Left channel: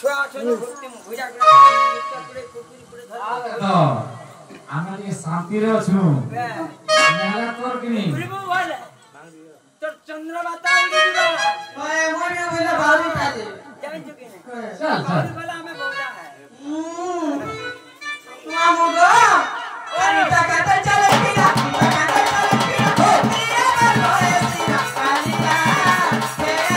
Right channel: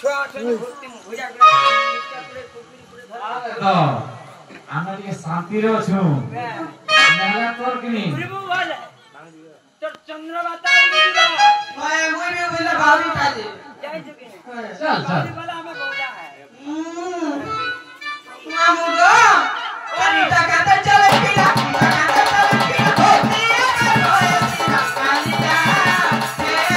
छुआ छुआ भक्ति भुजा गुड़ा पुरे कुकुरी पुरे धर तो আমরা কি শান্তিরে আছো মেলা কর কিনি পুরিবো বলে তোর চন্দ্রবাতা উড়ি দিবা मैं मुझे बोले भाभी काले যাই চুকি নে চল চল भाभी वाला हमें बोला है ना मुगो और टका चल पिया टका चल पिया होतिया कर होतिया कालिया तेरी करे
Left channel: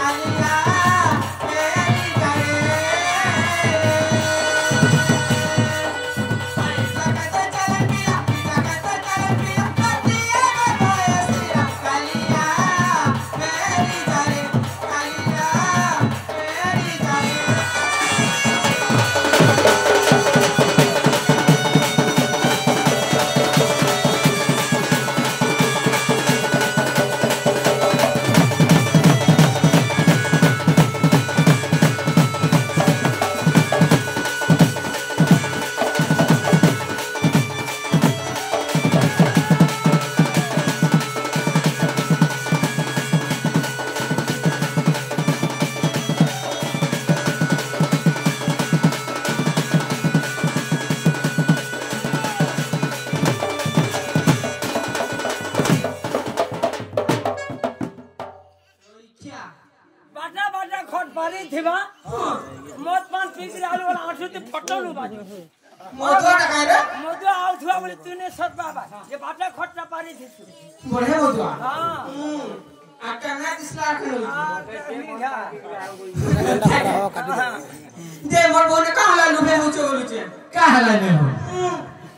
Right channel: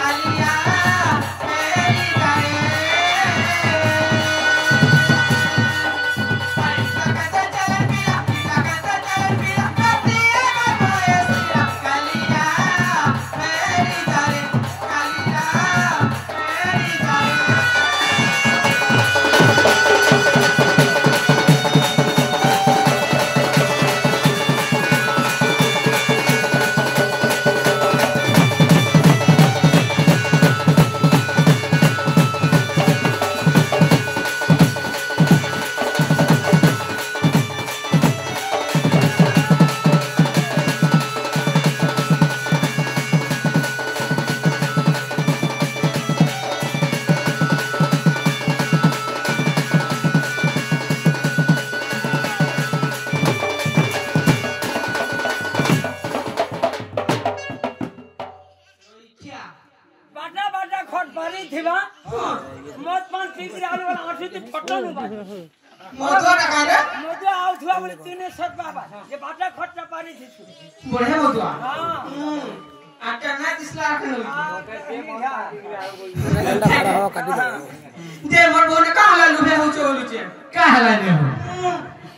कालिया तेरी करे कैसे डराना क्यों के कोई ना कालिया तेरी करे कालिया तेरी करे बाटा बाटा खट पारी थिबा मत पान पीकरी आलू वाला आठु ते फटल बाज मधुआ टका रे मधु आउ थुआ बोले तीने सत बाबा ये बाटा खट ना पारी थी बड़े मधुआ हां आटा ना दिसला रखल दे दे मोर बोने का हला लुबे हो चोलु छे का हला ने हो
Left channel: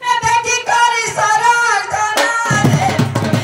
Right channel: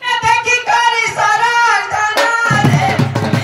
ए देखी करी सरक जाना रे चली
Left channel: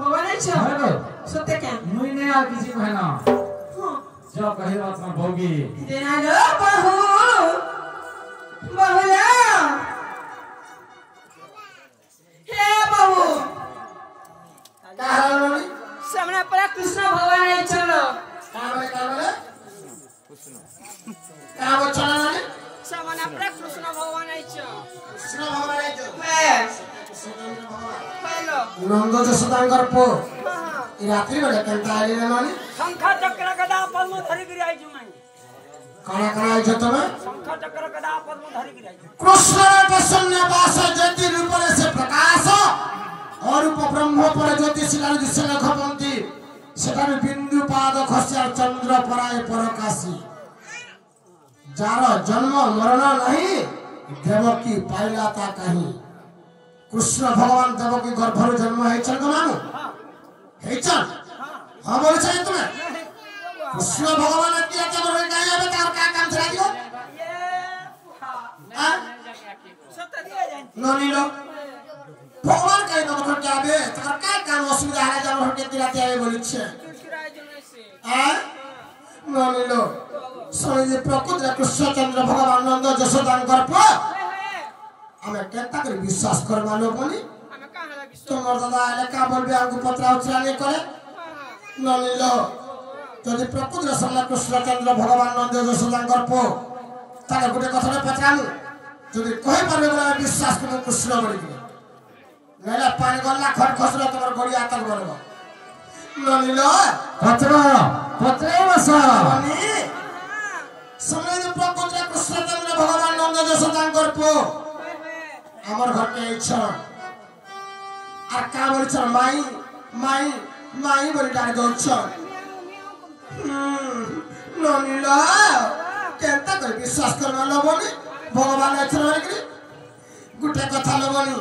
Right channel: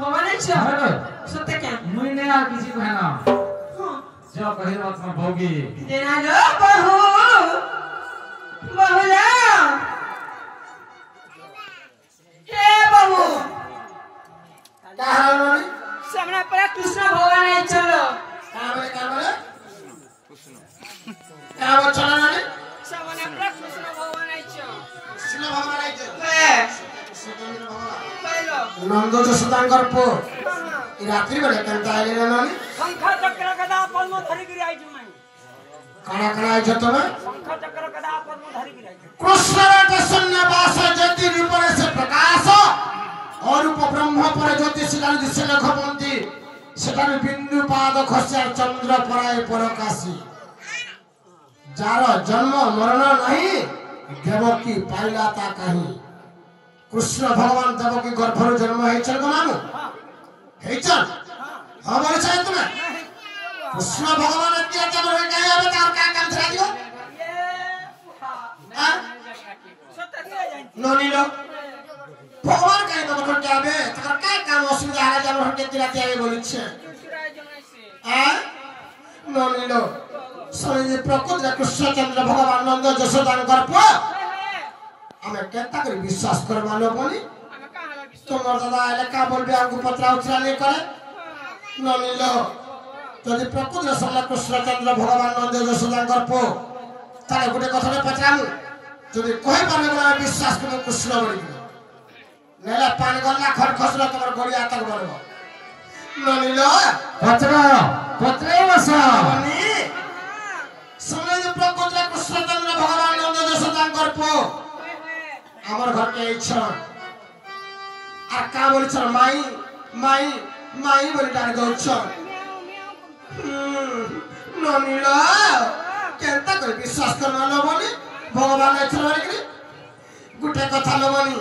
बाटे सत्य क्या मुई ने आ किसी कहना जो कहे आत्मा भोगी तेरा लो बहू बहुला हे बहू क्या हाल है सामने पर कृष्ण भगवान आई चलो क्या वो चला नहीं सामने पर कृष्ण भगवान आई चो कृष्ण भगवान आई जो पहलो नंद जसोदांकर पो ई रात्रि बेले कंता आले ना नानी शंख चक्र गदा पद्म धरि गिरी आई जुमाई काना काना आई जतो ना शंख चक्र गदा पद्म धरि गिरी आई कृष्ण प्रसन्न वास ज्योति रूप से प्रकाश और रूप ब्रह्म पर ज्योति शिला दिशे लखपंती सेठार बिंदु पाद खस्या चंद्र पराय परकाशी जार जन्म मरण नहीं देवकी पाइला ता कहीं कृष्ण भगवान देवकी गर्भर जन्म हेचन मानु हेचन हां बोले छै तुमे कृष्ण भगवान के जन्म होई गया अब तार का काम छरा दियो हां सत्य दिया जाए नोनी लो भगवान कहीं तो कर जाबे तकर का काम असुविधा है जन्म के दिलाते आवे बोले छै चुचुराय जमाई से हां ନନିଲ ଶୁଣି ପ୍ରକୃତ କୃଷ୍ଣଚନ୍ଦ୍ର ଭଗବାନ ନନ୍ଦ ଯଶୋଦାଙ୍କର ପୁଅ ଆମେ କେନ୍ତା କରି ବିଶ୍ୱାସ କରିବା ଲୋବନି তোমার দাদা এলাকা বলবে আমাকে পত্রা উচ্চারণ করে ননিল যদি প্রকৃত সামনে কৃষ্ণচন্দ্র ভগবান নন্দ যশোদাঙ্কর পো তাহলে গোটে কথাটা পচারামু যদি কই পারবে বলে বিশ্বাস করে কৃষ্ণ বলি নেলে পানি গলা খট খসলো তোমার গড়িয়া তক বলব ননিল পত্রে বসো ননি সময় প্রকৃত কৃষ্ণচন্দ্র ভগবান নন্দ যশোদাঙ্কর পো আমার ঘরকে ইচ্ছা আর কা বলছ মাই মাই মাই বলে ডাক যাচ্ছ ননিল কেনতা করে বিশ্বাস করবা লবনি ভগবান এছল বলি গোটে কথা লবনি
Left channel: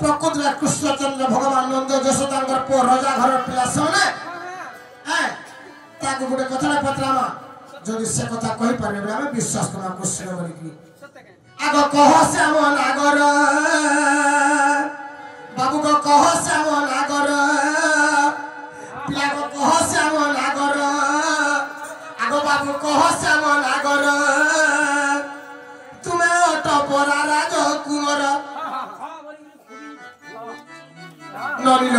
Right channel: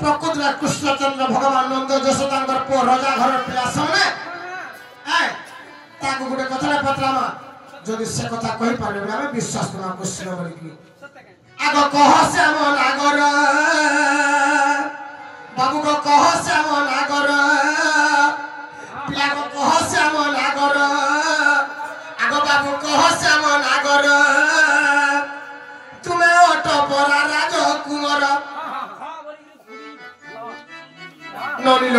প্রকৃত কৃষ্ণচন্দ্র ভগবান নন্দ যশোদাঙ্কর পো রাজা ঘর পিলা সামনে হ্যাঁ তাকে গোটে কথা পত্রামা যদি সে কথা কই পারবে আমি বিশ্বাস করব কৃষ্ণ বলি আগ কহ সে আমন আগর বাবু को कह से हम नागर पिला को कह से हम नागर आगो बाबू कह से हम नागर तुम्हें ऑटो बड़ा राज कुंवर ननिल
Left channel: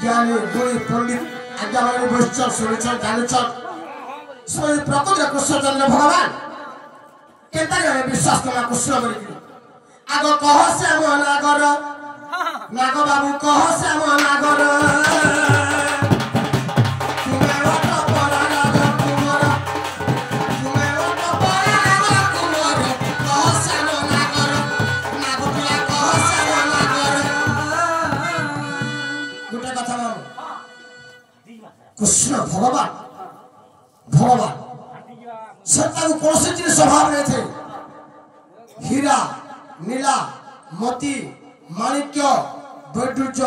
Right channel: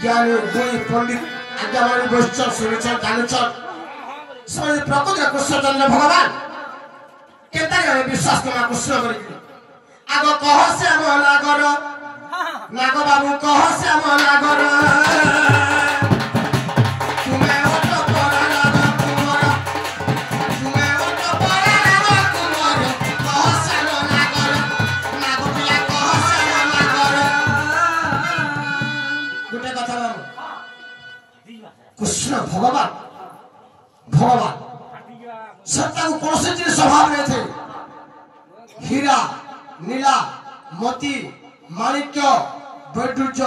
ज्ञान दुई पंडित आज्ञावाणी बसचर सुनिचर जानुचर सोई प्रकृत कृष्णचंद्र भगवान केता विश्वास करा कृष्ण बोली आगो कह से हम नागर नाग बाबू कह से हम नागर तुम्हें ऑटो बड़ा राज कुंवर तुम्हें ऑटो बड़ा राज कुंवर कह से हम नागर नाग पिया कह से हम नागर गोटे कथा बाबू कृष्ण भगवान भगवान सत्ता को कौन से चीज स्वभाव में थे हीरा नीला मोती माणिक्य वैडूर्य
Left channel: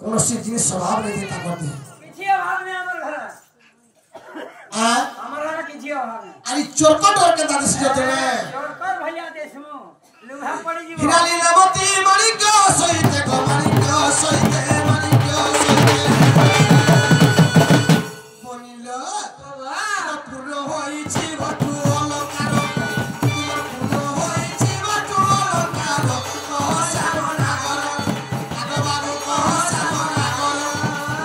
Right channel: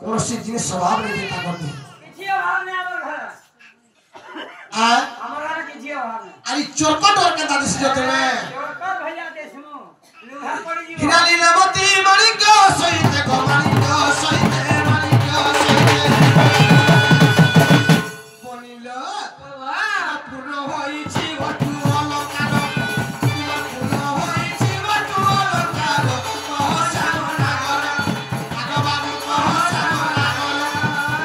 कौन सी जिनिस स्वभाव नहीं देता करती किछि अभाव नहीं हमर घर हमर घर किछि अभाव नहीं अरे चोरका डोर के दादी से जोते में चोरकर भैया देशमु लुहा पड़ी जीव हीरा नीला मोती माणिक्य सहिते को माणिक्य सहिते माणिक्य सहिते बनिल पूर्ण होईछि भटु अलंकार पूर्ण होईछि भटु अलंकार कह से हम नागर आगो बाबू कह से हम नागर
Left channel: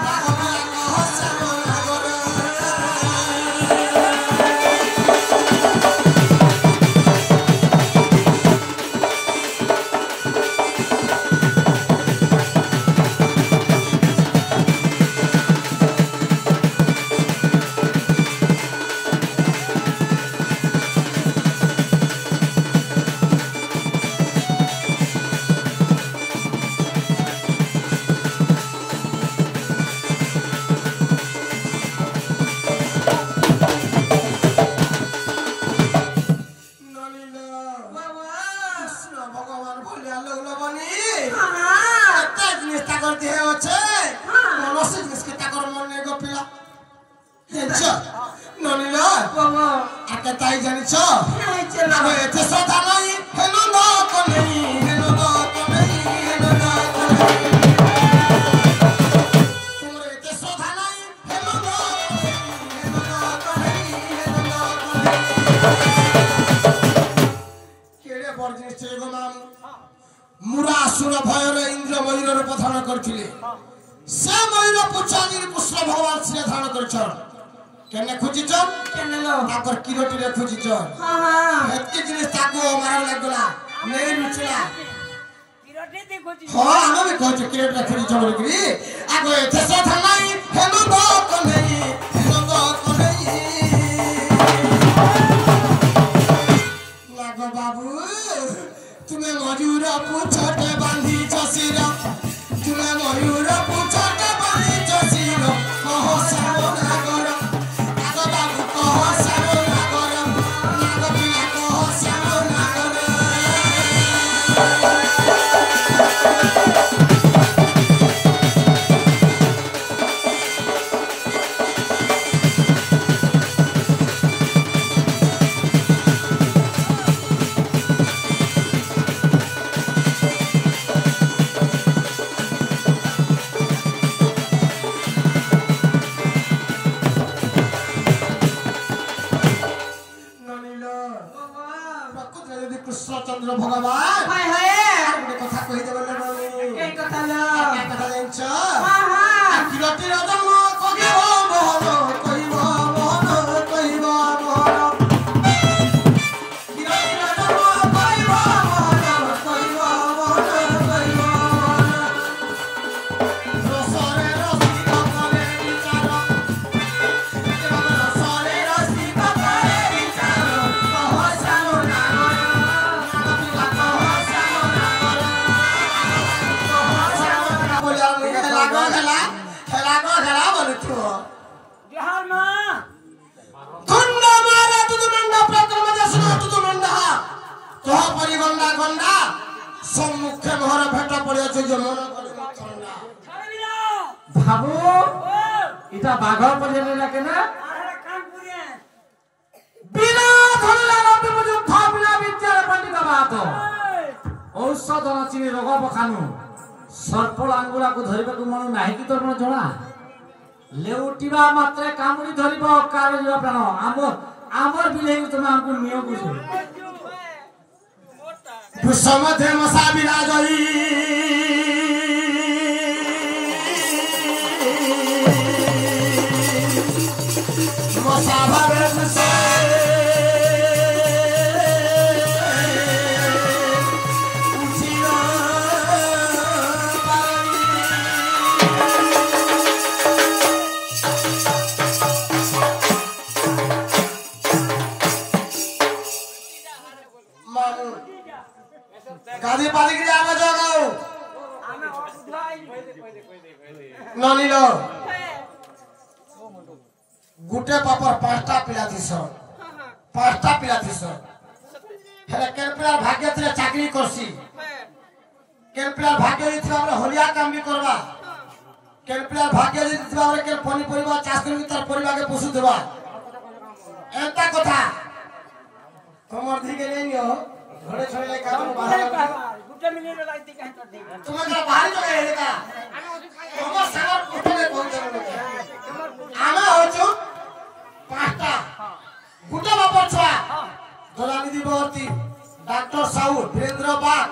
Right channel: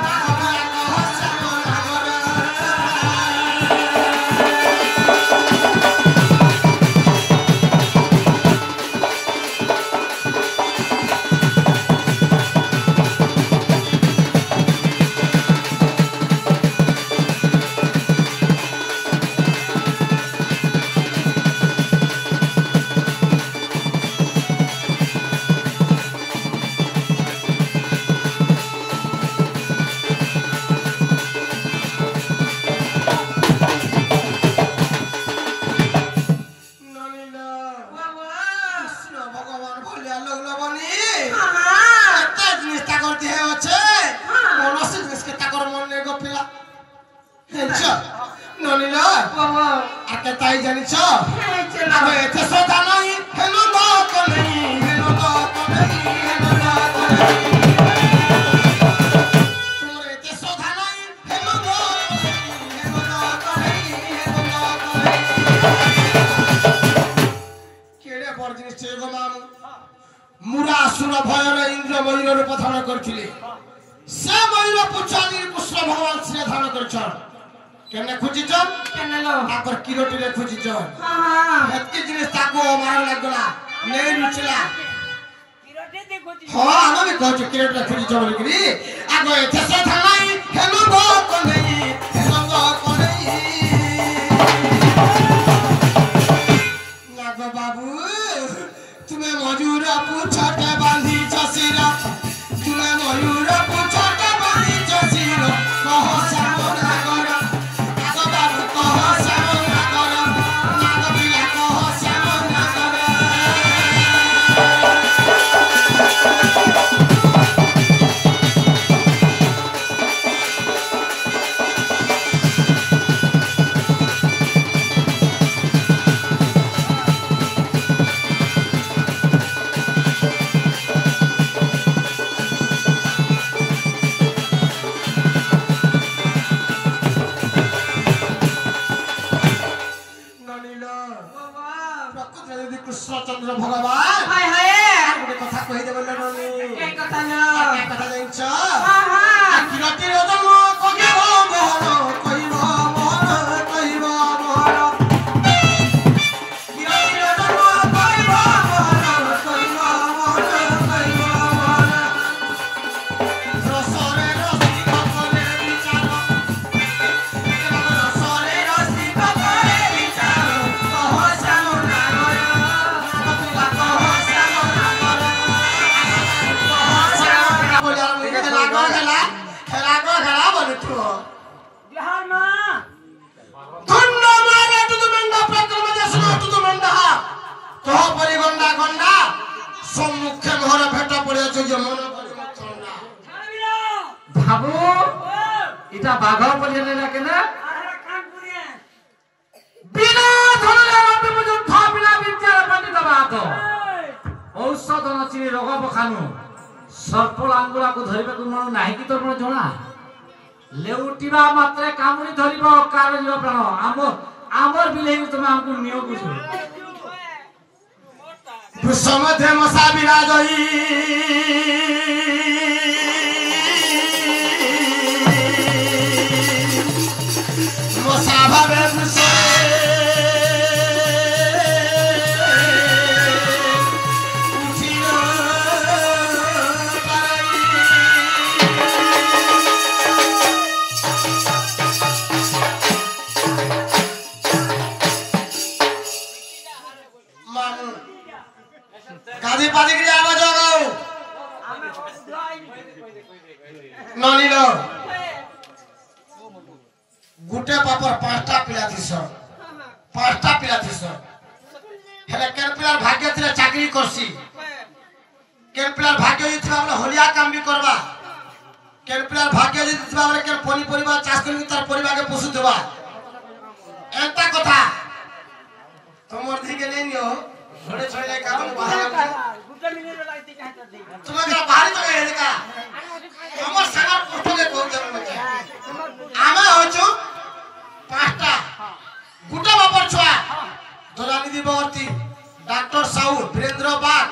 नाग पिया कह से हम नागर ননিল কৃষ্ণ ভগবান ভলিয়া লগল বনি এতে জিনিস তাকর দেহে আছে মনসি জিনিস কে তাকর মনে গপিলা হেঁচ ননিল আকে তাই জানিছ আবে এতে সদা নাই হেন নক নাই হেন নক নাই হেন নক নাই তোর এতে সদা নাই হেন নক নাই হেন নক নাই হেন নক নাই केड़े बड़ जिनिस छे गो माम मुरा असुर भयर इंद्र मयूर रूप धारण करथिले से मयूर पुछाली कृष्ण भगवान श्री धारण करछन केने खोजिछन केने लो ताकर किरोटी रे खोजिछन एतकी जिनिस ताको मार लागला नै रुचिला किरोटी देखोछि हां हम भी कहछ किरोटी रे खोजिछ बोलकरी आगो एथे से थानाई हेनो गो कोनै हेनो गो कोनै नाग बाबू तुम्हें मयूर पूछटे बांधी चसीरा तुम्हें मयूर पूछटे बांधी चसीरा कह श्याम नागर नाग बाबू कह श्याम नागर नाग पिला कह श्याम नागर ରାମଚନ୍ଦ୍ର ଭଗବାନ हाय हाय ଗୋଟେ କଥା କହିଦେବେ ନନି के कथा लो ଏ କଥା ଜାଣିଛ हां हां କିରତି ରଜମ କହିବ ମୋହନ କହିବ ମୋହନ କହିବ ମୋହନ କିରତି ରଜମ କହିବ ମୋହନ କହିବ ମୋହନ କହିବ ମୋହନ ରସରେ ରସି କଲେ ବିଚାର ରସରେ ରସି କଲେ ବିଚାର କହ ଶ୍ୟାମ ନାଗର କପିଲା କହ ଶ୍ୟାମ ନାଗର খেলা বলছো जोहार मां খন্ড মারা তুদু মন্ডা প্রক্রম দেশনা তুদু মন্ডা তো পরিগন্ডা গন্ডা সম্মুখে ঘরে ভেট পড়েছে যে মন ঠান্ডা ছাড়বিরা বাবু ও এটা বাঘ পড়িয়ে রাখে না আরে কান পুরিয়ে বিনা ধরলা রবে যুদ্ধ বিনা বিচার পণ্ডিত বাত ঔষধ নচিনি রোগ বখানু সর্পল আঙ্গুলাକୁ ଧରିବାକୁ ମନ ନାହିଁ କି ତୋର ଜଣା লেউটিবা মাত্রে কামুড়ি ধরিব কার ଯିବ ପ୍ରାଣ ଆମର ବିଲେଇ ତମେ ଆମକୁ ନିଅ ବୁଝୁ সমধে মশা বিরাজই মশা ভাবে বুঝে গাদি পাদি কি যাবো জগাও আমি ধলাই ননিল গুটে পাপর পাঁচটা পিলা দিছ হেলে কেন পিলার ভাগ্য ଥିଲେ চাকরি করছি কেন পিলার ভাগ্য ଥିବା বলে হলিয়া কাম বি করবা কেন পিলার ভাগ্য ଥିବା বলে কেন পনি পরিবার চাষ করি তার পরিবারকে পোষু দেবা এন্তা কথা তোমার দিকে নেই নিও ঘরে ছড়ে কারণ বাহার গুটে মিনিট লাগতে কাটা দে তোমাকে বাহারি তো এই দেখা তোমার সাগর কোঠে কইতে হবে আমি হচ্ছু পাঁচটা গুটা বাপর ছুয়া দলানিধি বর্তী ডাক্তার সাউ বীরেন্দ্র বাগ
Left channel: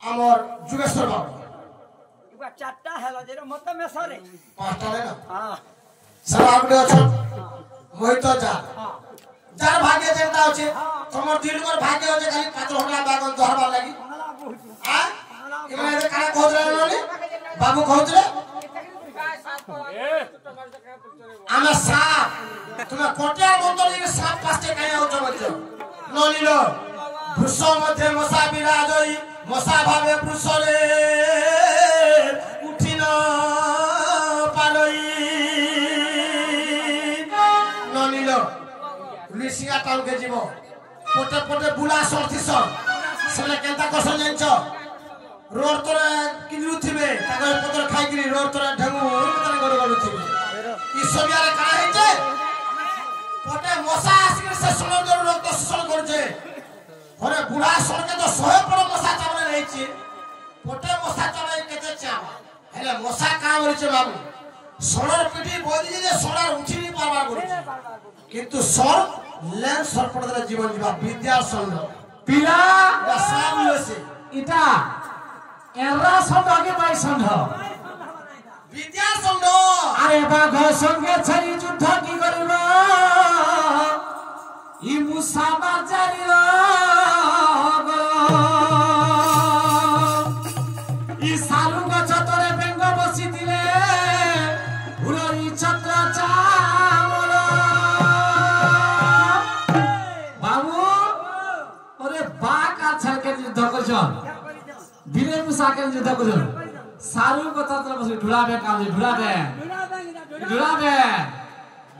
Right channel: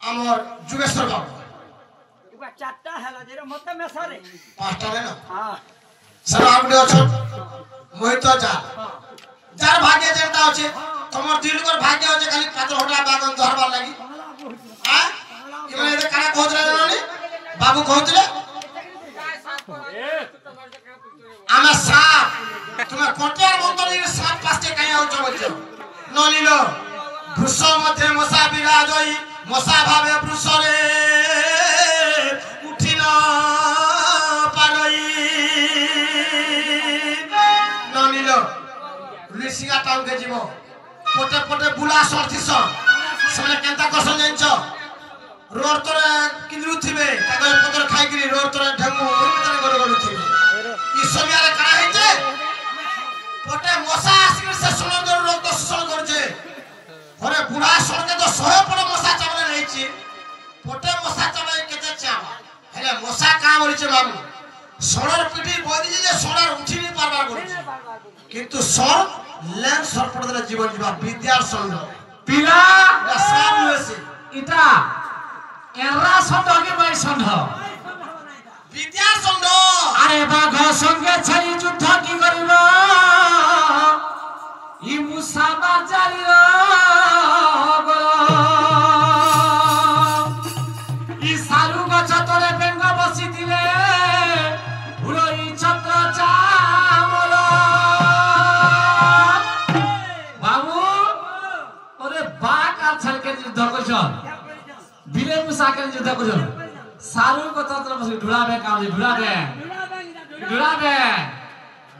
আমার যুগেশ্বর বাবু ইবা চারটা হেলো যে মতে মেসারে পাঁচটা না হ্যাঁ স্যার আপনি অছন মোহিত যা হ্যাঁ যার ভাগ্য যেটা আছে তোমার দিলকর ভাগ্য আছে খালি পাতর হটলা বাগন ধরবার লাগি বাংলা বহুত হ্যাঁ ইমানে এদের কানে কহতলে ননি বাবু কহতলে আমার সাপ তুমি কোটিয়ার মন্তরে সাপ পাশে কাই আউছ বলছো ননিল বৃষ মধ্যে মশা বিরাজই মশা ভাবে বৃষরে উঠিল পারই ননিল লুইসিয়া টাউনকে যাব পটে পটে বুলা সরতিস সেলে কেনতা কসন জানছ रोड तोरे किंदरू थिबे कागज पत्र खाइ करी रोड तोरे ढंगू उरमतन गरो गरो थिबे ई सबियारे काना हेते पटे मशा आसिक से सुनंदर रोग तो शोषण करजे घरे बुढ़ा सरके तो 100 पर मशा चावले रहिछि पटे मशा चावले केते चाव हेले मशा का मरिছে बाबू सड़र पिठी बदी जे सड़र उठी नि पारबार करिछि किंतु सर लैंड सर पडले जीवन जीवा विद्या संग পিলা साब लेसे ইটা এরা সন্ধ্যকে পাই সন্ধ্য विद्या संग আরে বাঘ সঙ্গে ছাড়ি যুদ্ধ কি করিব ই মুসা বাজারির ই সারু গছ তরে বেঙ্গ বসি দিলে উড়ই ছত্র চামল বাবু ওরে বাঘ আর ছাড়কে যুদ্ধ করছ বিলে মুসাকে যুদ্ধ করছ সারু কথা তোর বসে ঢুলাবে কামে ঢুলাবে ঢুলাবে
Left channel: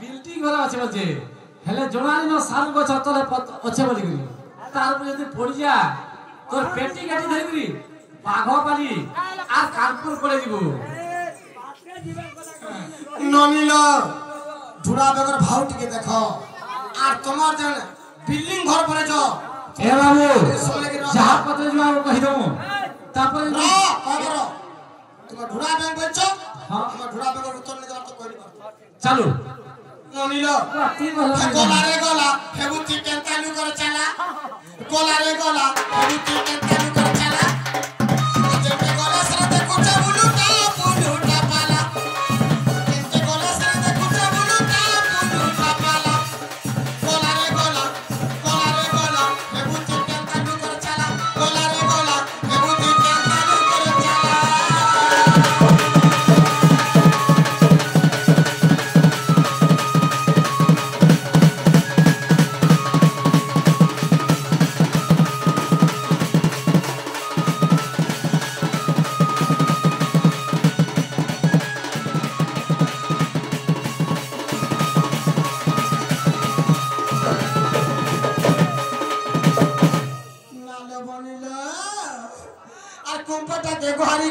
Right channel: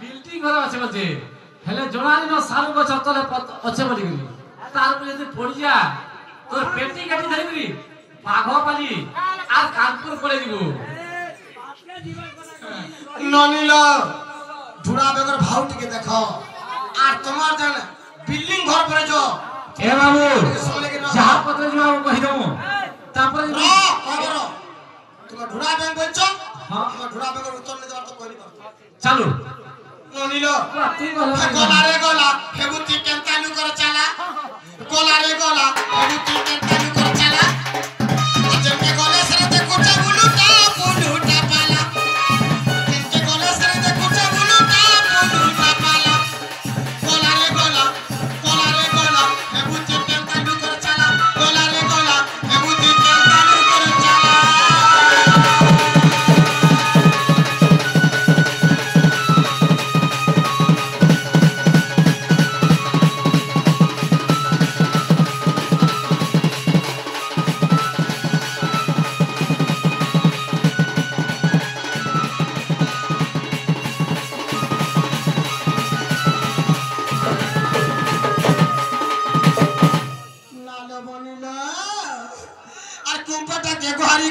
বিল্ডিং ঘর আছে বলছে হেলে জোনালিনো সারু গছ তলে আছে বলি গলি তারপর যদি পড়ি যা তোর পেটি কাটি ধরে গলি বাঘ পালি আর কানপুর করে দিব আপনি জীবন কথা কই ননিল ঢুড়া বেগর ভাও টিকে দেখো আর তোমার দেন বিল্ডিং ঘর পড়ে যাও এ বাবু যাহা পত্র যাও কই দেবো তারপরে খবর তুমি ঢুড়া ব্যাংক বলছো আমার ঢুড়া বেগর উত্তর নে দেবার তো কইলি চালু ନନିଲ ରାତି ଗଲେ ଗଲାରେ ଗଲା ହେବୁତି କେନ୍ତା ଲୁକର ଚାଲା ଗଲାରେ ଗଲା ହେବୁତି କେନ୍ତା ଲୁକର ଚାଲା ଯେତେ ଗଲେ ସରେ ଦେଖୁଛ ବୁଲୁଟା ପାଲା ଯେତେ ଗଲେ ସରେ ଦେଖୁଛ ବୁଲୁଟା ପାଲା ଗଲାରେ ଗଲା ହେବୁତି କେନ୍ତା ଲୁକର ଚାଲା ଗଲାରେ ଗଲା ହେବୁତି କେନ୍ତା ଲୁକର ଚାଲା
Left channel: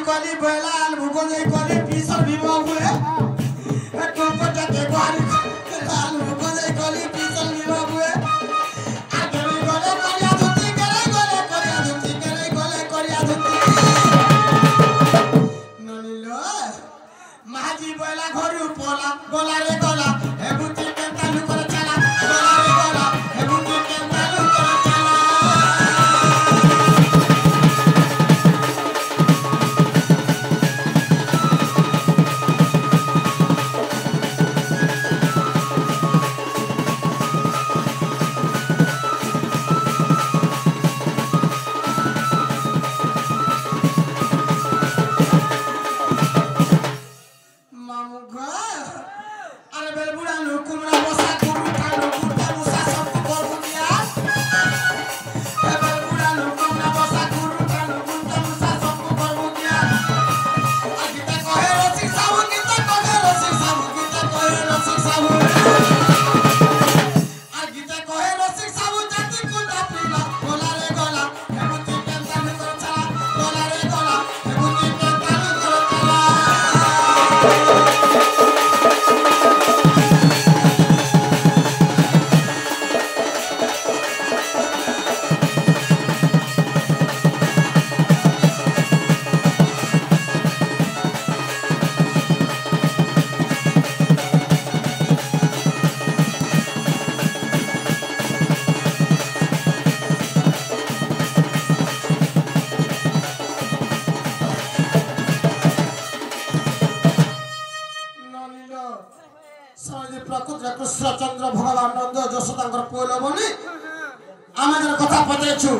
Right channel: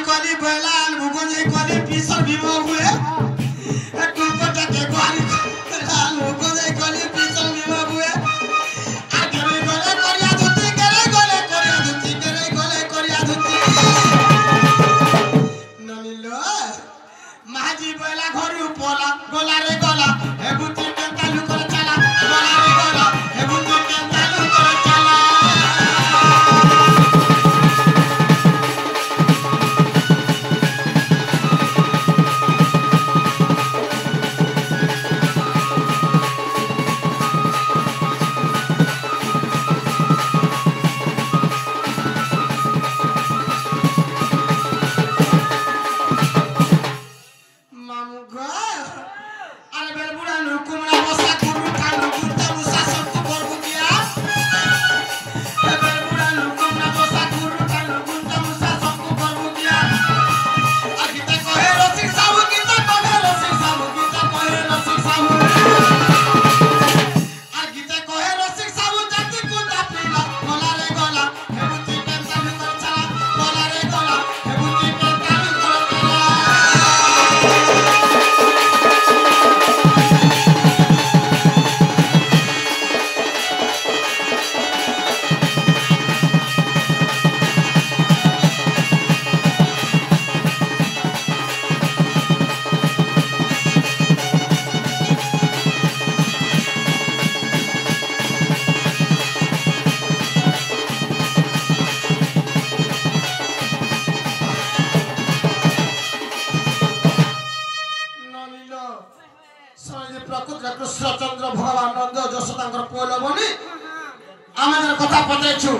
कली बेलाल भुगोने कली पीसर भीमा हुए एक कोपटा के बारी बेलाल भुगोने कली पीसर भीमा हुए आगे भी गले करिया धुती गले करिया धुती ननिलो माजी बेला घरु पोला गला रे गला हेबुती केंता लुकर चला गला रे गला हेबुती केंता लुकर चला कृष्णचंद्र भगवान नंद यशोदांकर पुल बनी आमे कथा पतेछु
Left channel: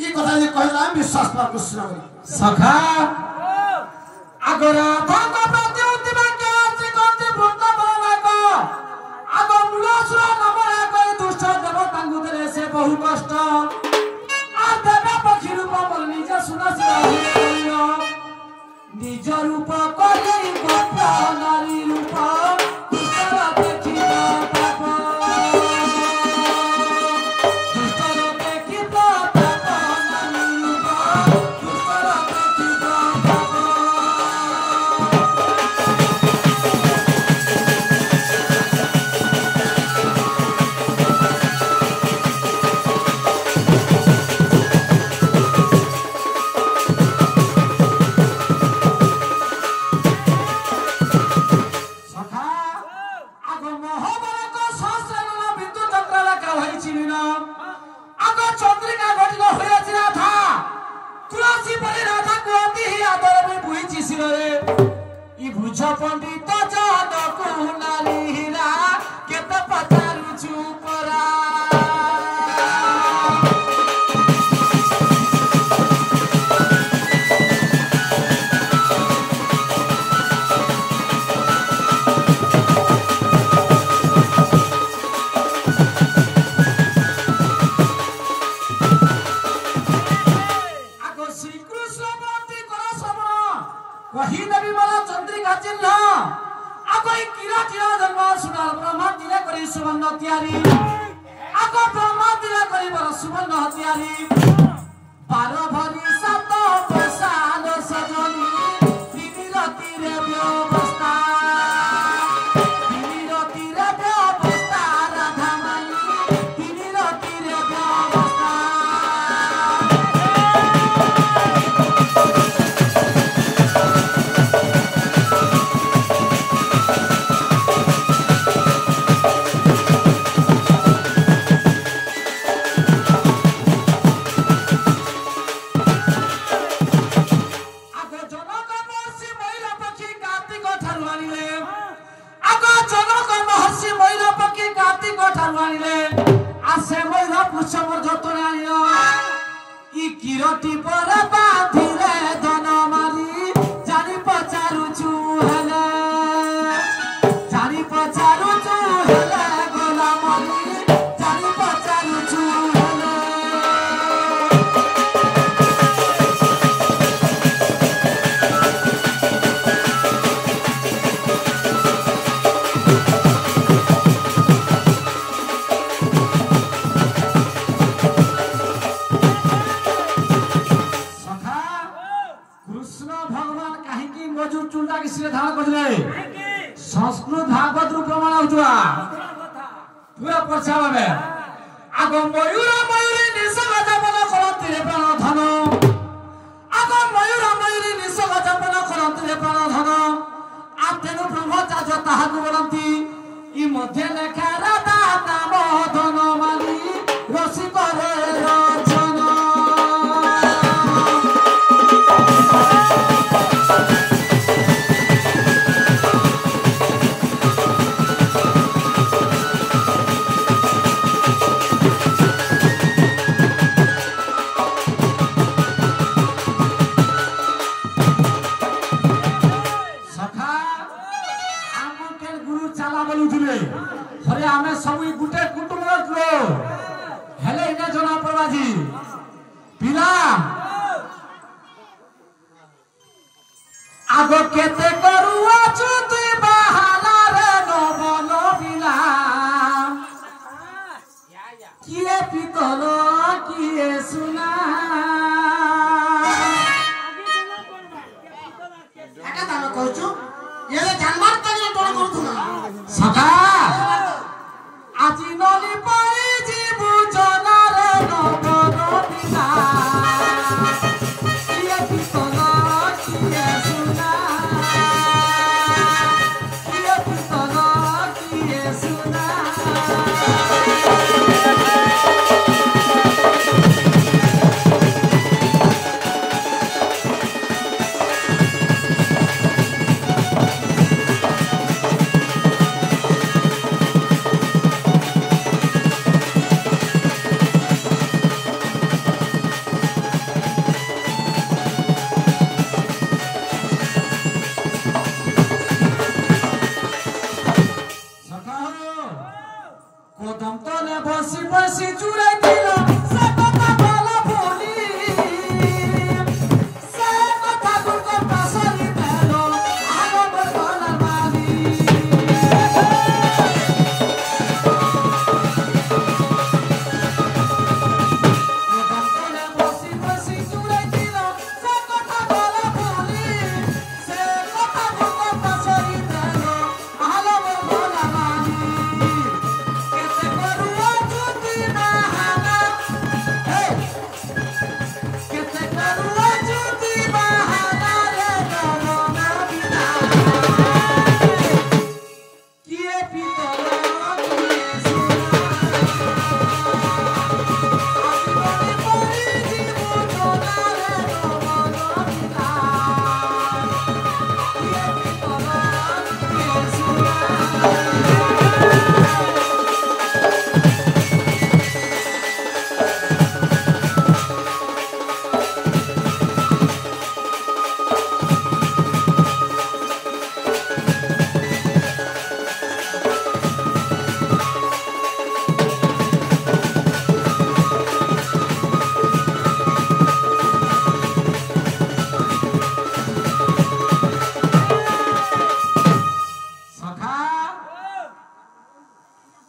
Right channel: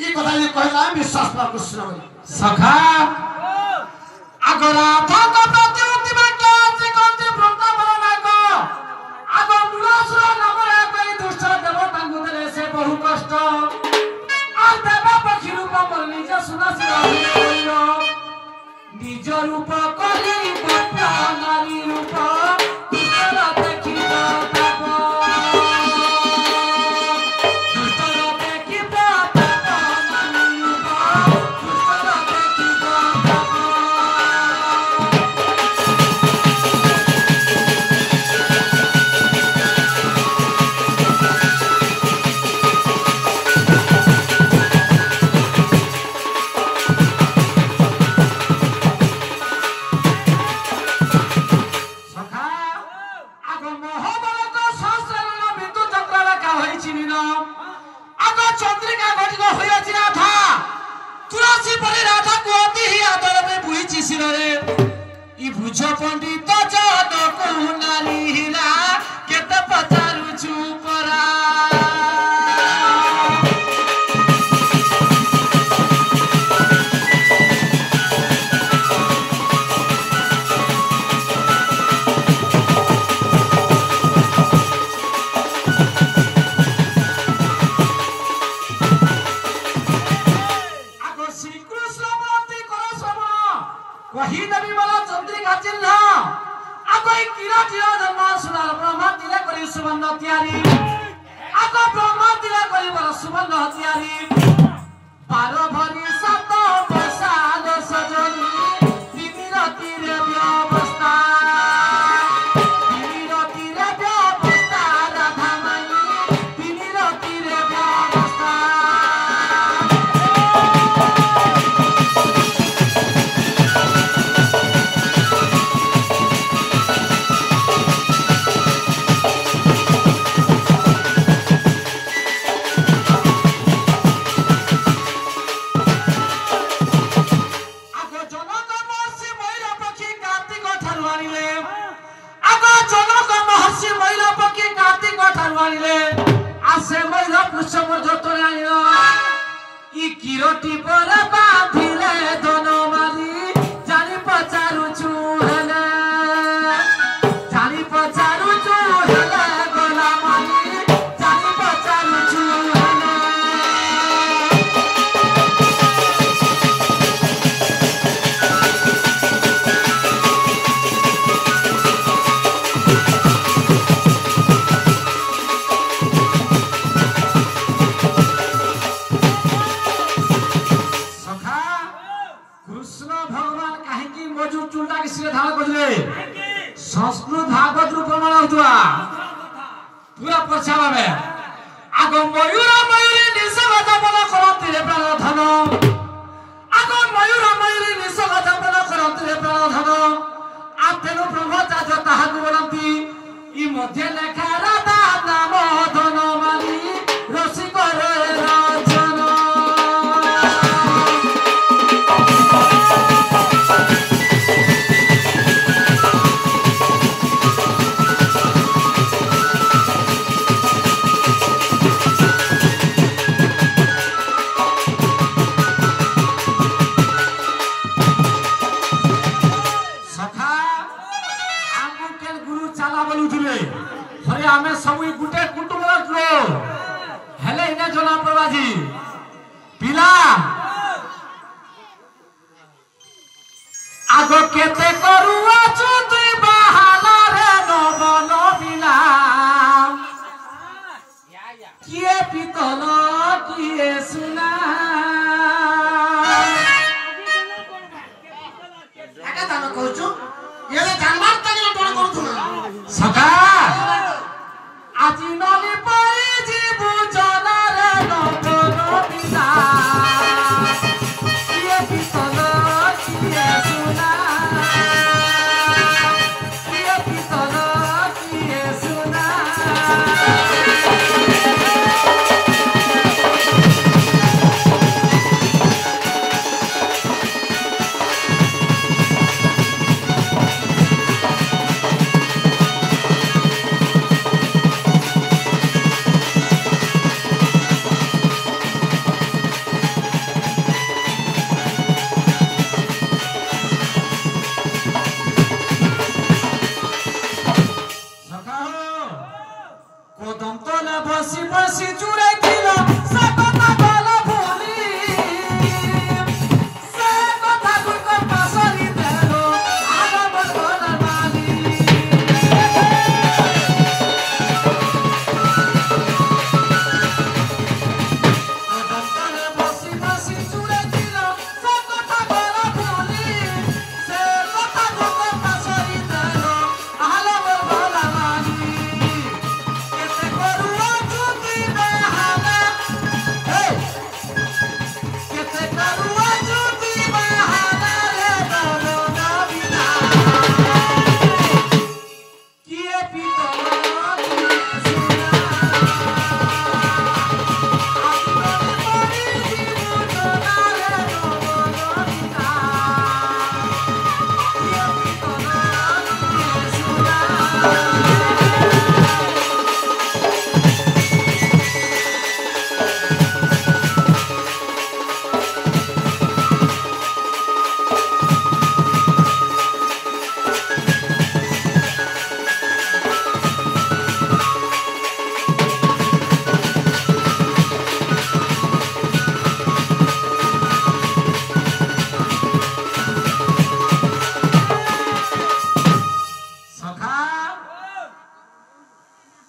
ई कथा जे कहला विश्वास पर कृष्ण बोली सखा आगरा भाग प्रति उतिमा के से कोते वृंदावन नाको आगो मुलासुर नामरे कोई दुष्ट देवतांगु देले से बहु कष्ट आ देवा पक्षी रूप पर निज सुनसिर निज रूप करी गप नारी रूप पंडित जात को नारी हिला केत पचारु चुपरा आगो श्री कृष्ण भक्ति कर श्रवण कही नबी वाला चंद्रिका चिन्ह आगो किरा किरा धर्म सुनार ब्रह्मा दिले करी सुवर्ण त्यारी आगो ब्रह्मा दिले करी बल सुवर्ण त्यारी पार भरी सत बसाल सजन तिमी रति रे व्यवस्था तिमी रति रे व्यवस्था राधा मानी तिमी रति रे व्यवस्था मानिले आगो जनक महर्षि महिला पक्षी कार्तिक ठार मानिले आसे महिला पुष्प जतने आनिलो ई किरटी पर बांधिले धनमाली जानी पचारुछु हेले जानी पचारुछु हेले गोलामाली जानी पचारुछु हेले संस्कृत भागवत रूप प्रमाण होतुआ पूरा प्रचार में आगो मयूर मयूरी निसग जपन करंती रे प्राण धन आगो मयूर मयूरी निसग जपन करंती रे प्राण धन आतेनु ब्रह्मचार्य ताहाकु बोलंती ई मध्ये लेखा राधा नाम धन माली रसिक रे रचन आमे सब गुटे कुटुंब हेले इने जना प्रभाजी पिला आगो केते करूआ चुतुई बहाला रे नबन बिना किए पितल किए सुना एका तमे कहछु ये जानबार तने टोल करथुना सका আজি নলি পাই জীবু জনারে নবন বিনা কিয়ে পিতল কিয়ে সুনা কিয়ে পিতল কিয়ে সুনা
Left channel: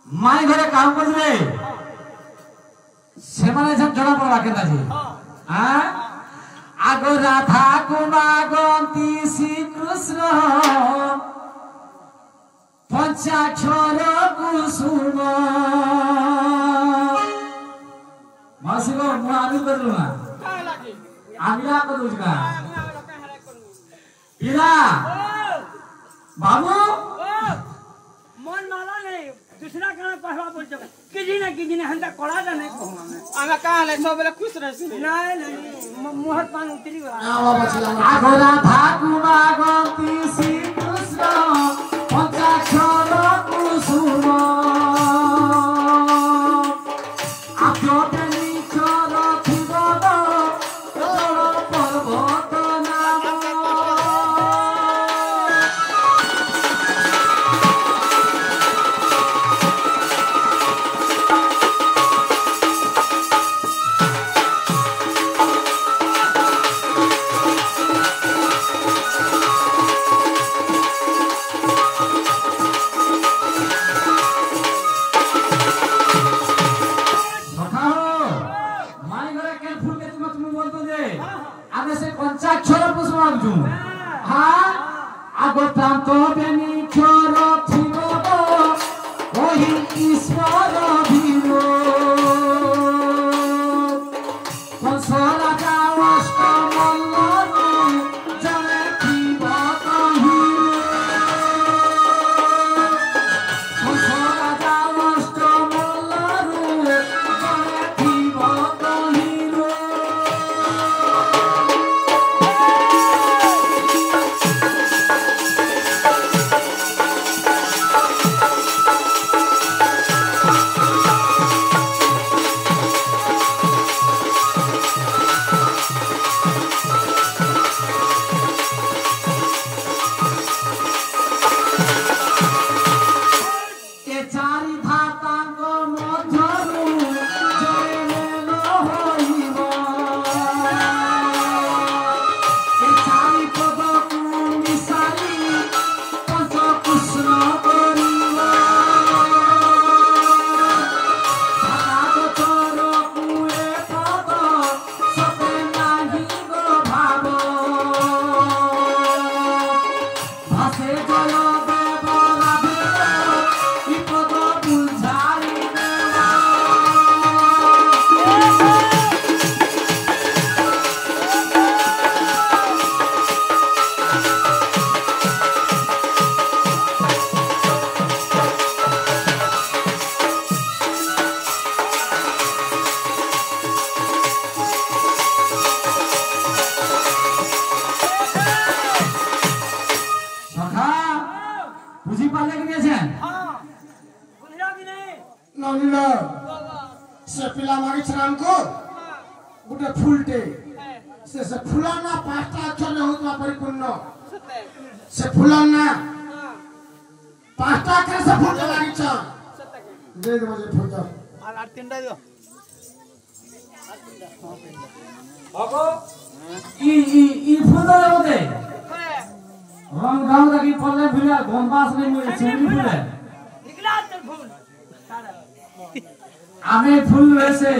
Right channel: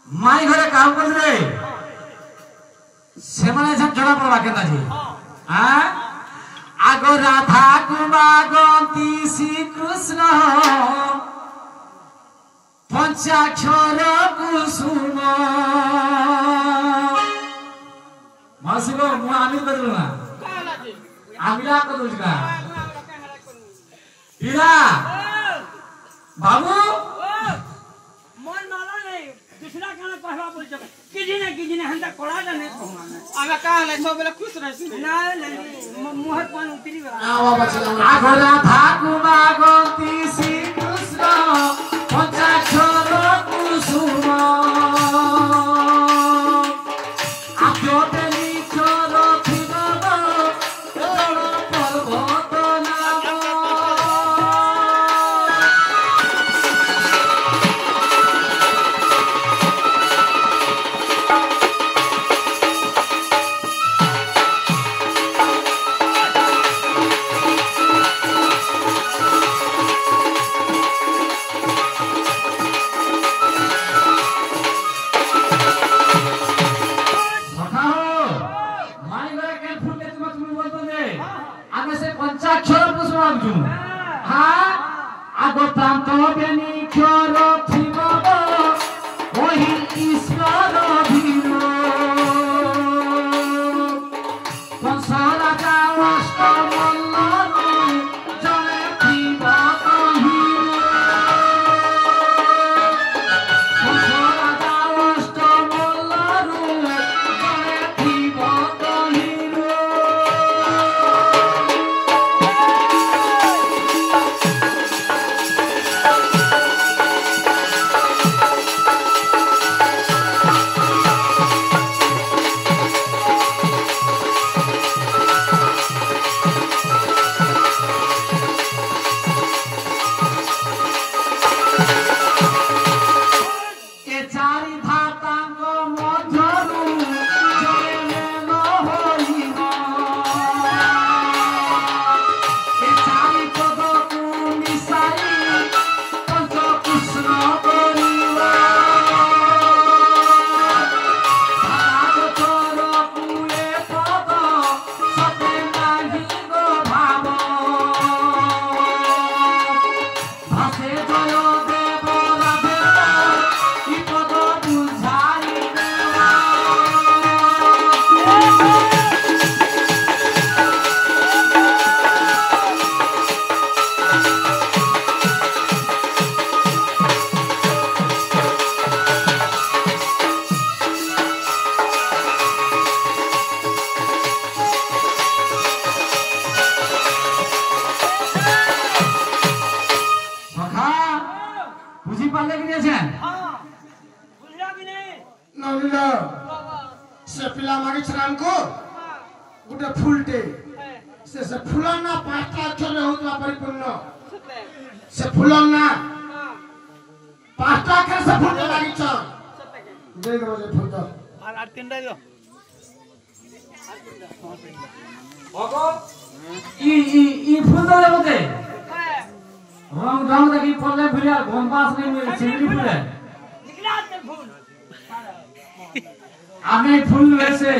माई घरे काम करले से माने जना पड़वा केता जी हां आगो राधा कुमागंती श्री कृष्ण पंचाक्षर कुसुम मासिको मु आमिल बदलना आमिला को दुजका इला बाबू मन माला नहीं दूसरा गाना पहला बोल जब किसी ने हंदा कोड़ा नहीं कहूंगा आमे का ले सब बेला खुश रहसी नहीं मोहर पान उतरी वाला आगो राधा कुमागंती श्री कृष्ण বুঝি পারলে কি নিয়েছেন হ্যাঁ বুঝলা কি নেই নলিন সে পিলা মাগিছে আমকো গোটে ফুলটে সে ফুল না পাঁচটা অক্ষর হউতবা পরিপূর্ণ সে ফুল না পাঁচটা অক্ষর সে ফুল লাগিছ দেই দেব যে ফুল তো আর তিনটা দিও ই ফুল দাও বতে রং রং দেখি পড়লে ভুলিয়া গম্বাস নেই মিলে চিংড়ি ফুলে निकला तेरे फूल আমি ফুল রয়েছে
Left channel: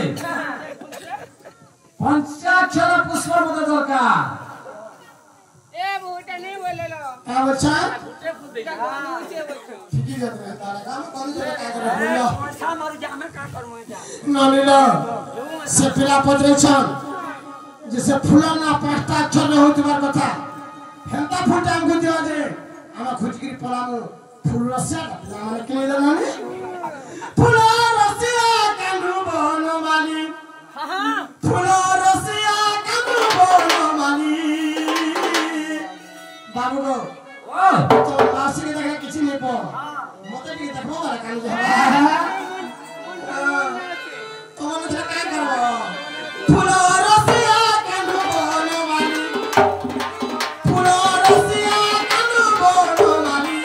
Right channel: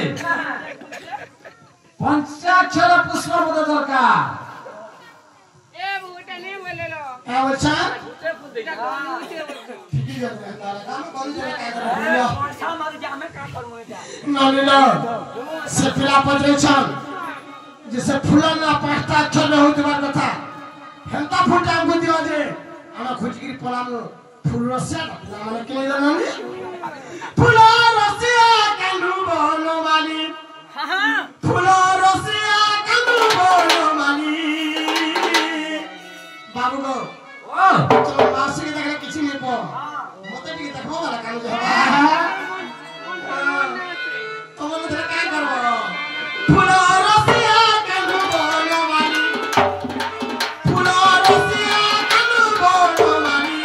পঞ্চাক্ষর পুষ্প মতো দরকার ए बूटे नहीं बोले लो হ্যাঁ বলছা बूटे फूल दे ঠিকই যাবে তাহলে কাম করি যে কাজ করে सा मार जा मैं का करूं এটা নলিন সে পিলা পজরেছন যে সে ফুল না পাঁচটা অক্ষর হউতবার কথা হেন্তা ফুলটা আমকো দিও যে আমরা খুঁজিকি পলামু ফুল রসিয়া আমরা কে জানি ফুল রসিয়া কান্দু বনমালি हां हां ফুল রসিয়া কান্দু বনমালি বাবু গো ও চল বাসিকে দেখলে কিছু নেই পো মতে টিকে দেখো বালা কান্দু যা তোমার মধ্যে কাই করব ফুল রসিয়া কান্দু বনমালি ফুল রসিয়া কান্দু বনমালি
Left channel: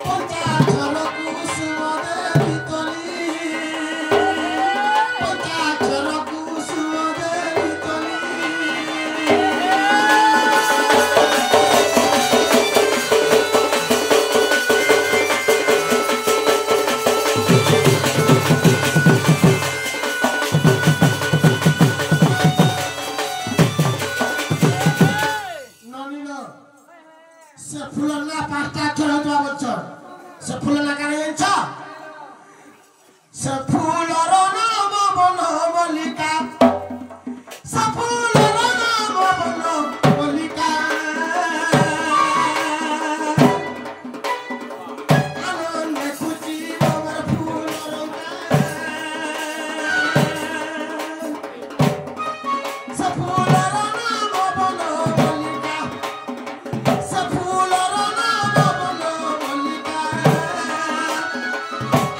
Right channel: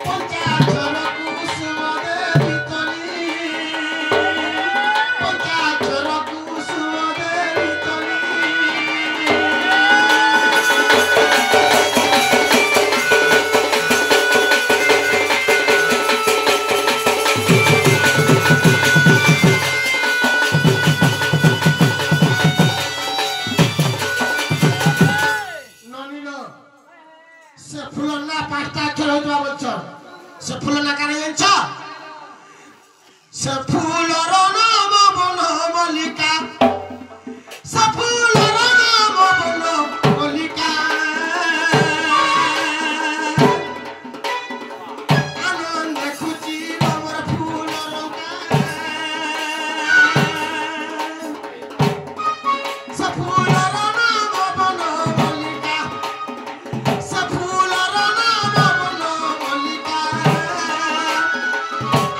পঞ্চাক্ষর কুসুম দেবী তলি পঞ্চাক্ষর কুসুম দেবী তলি নলিন সে ফুল না পাঁচটা অক্ষর হইতবা বলছ সে ফুল না কানে জানছ সে ফুলর নাম বন মল্লিকা সে ফুলর নাম বন মল্লিকা আনন্দ খুঁজি আমার ফুলর সে ফুলর নাম বন মল্লিকা সে ফুলর নাম বন মল্লিকা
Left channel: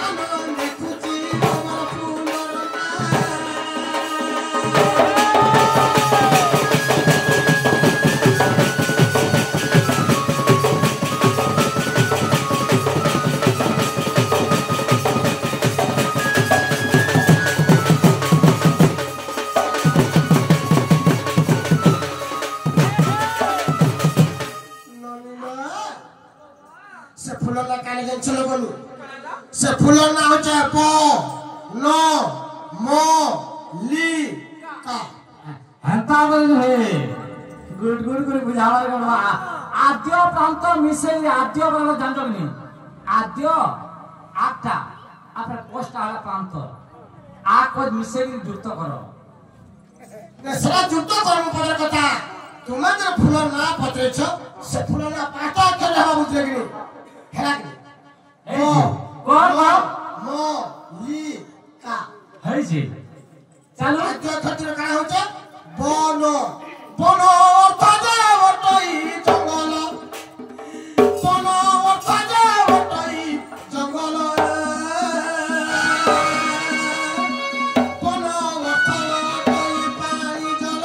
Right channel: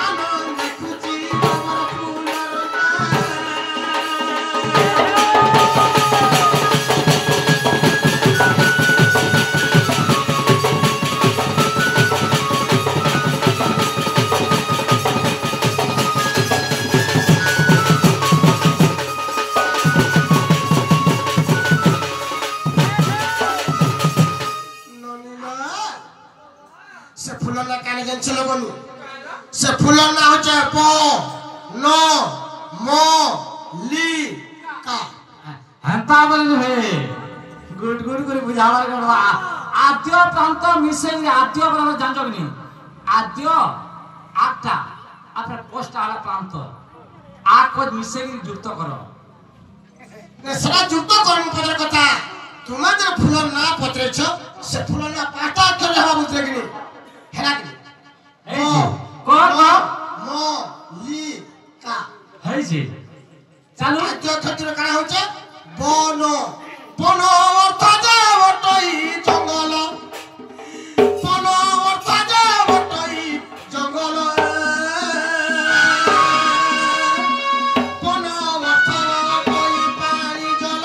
আনন্দ খুঁজি আমার ফুলর নলিন সে ফুল না কানে জানছিল বলু সে ফুল না হচ্ছে প ন ম লি কা হেন্তা বলে হে গুড গুড করে বুঝাওয়ার গণ আদ্য প্রান্ত মিশে আদ্য প্রান্ত জানছো কি আদ্য আটটা আপনার পোস্ট আলা প্রান্ত আট কোজ মিশে যুক্ত করো সেটা যুক্ত করম পদর কথা তোমার যে ফুল না পত্রেছ সে ফুল না পাঁচটা অক্ষর হবা বুঝলে কি হেরা কি এই যে কর কর ম লি কা হইছে চালু আদ্য ক্ষেত্রে কারা হচ্ছে বন বন অর্থ যে বটই জঙ্গল বন অর্থ যে বটই জঙ্গল বন অর্থ বটই পানি জল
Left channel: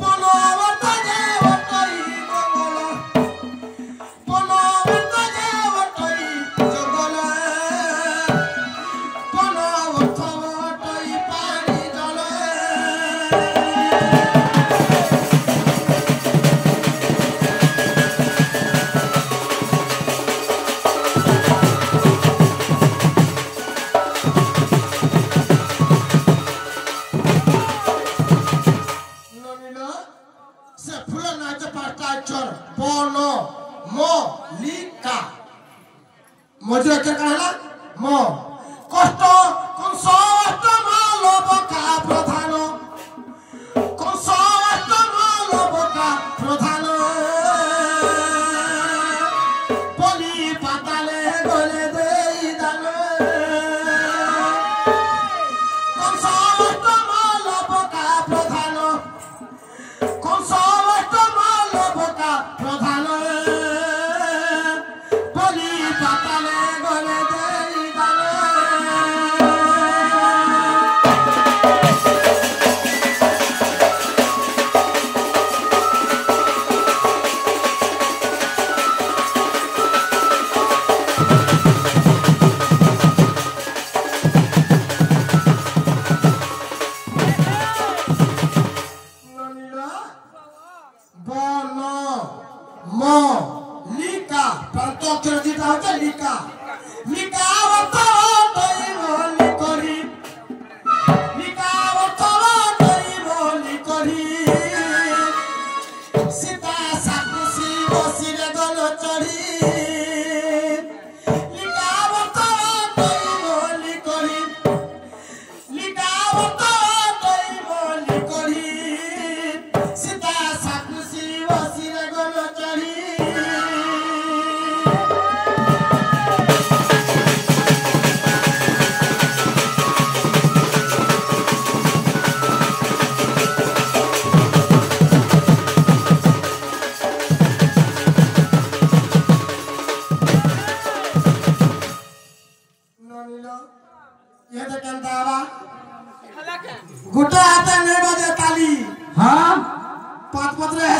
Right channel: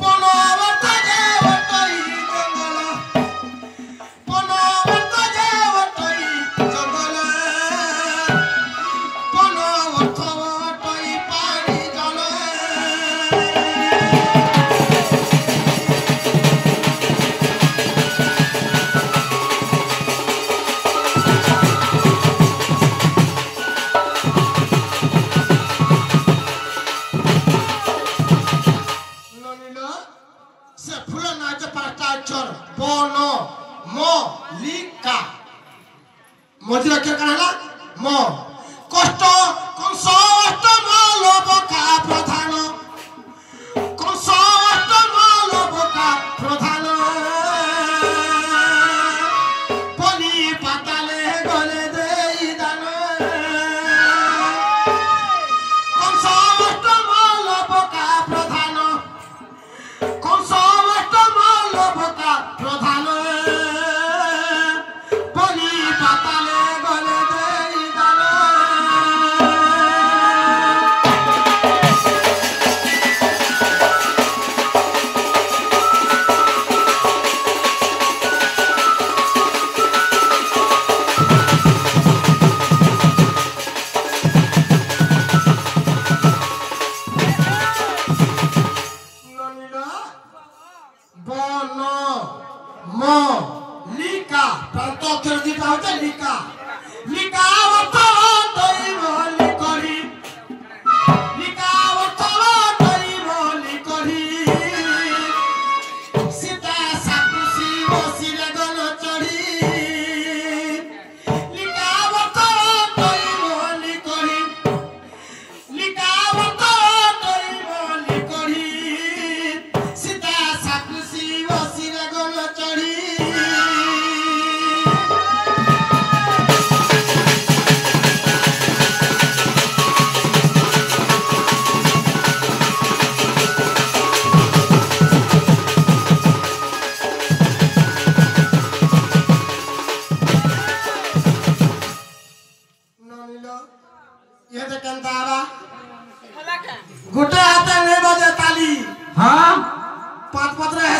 বন অর্থ যে বটই জঙ্গল বন অর্থ যে বটই জঙ্গল বন অর্থ বটই পানি জল নলিন সে ফুল না যে পাঁচটা অক্ষর বন ম লি কা মধ্যে অক্ষর কারা হলা ম কষ্ট কংস মালব কা প্রধান কংস মালব কা প্রধান বলি পাতালে গলে দেই দান কংস মালব কা প্রধান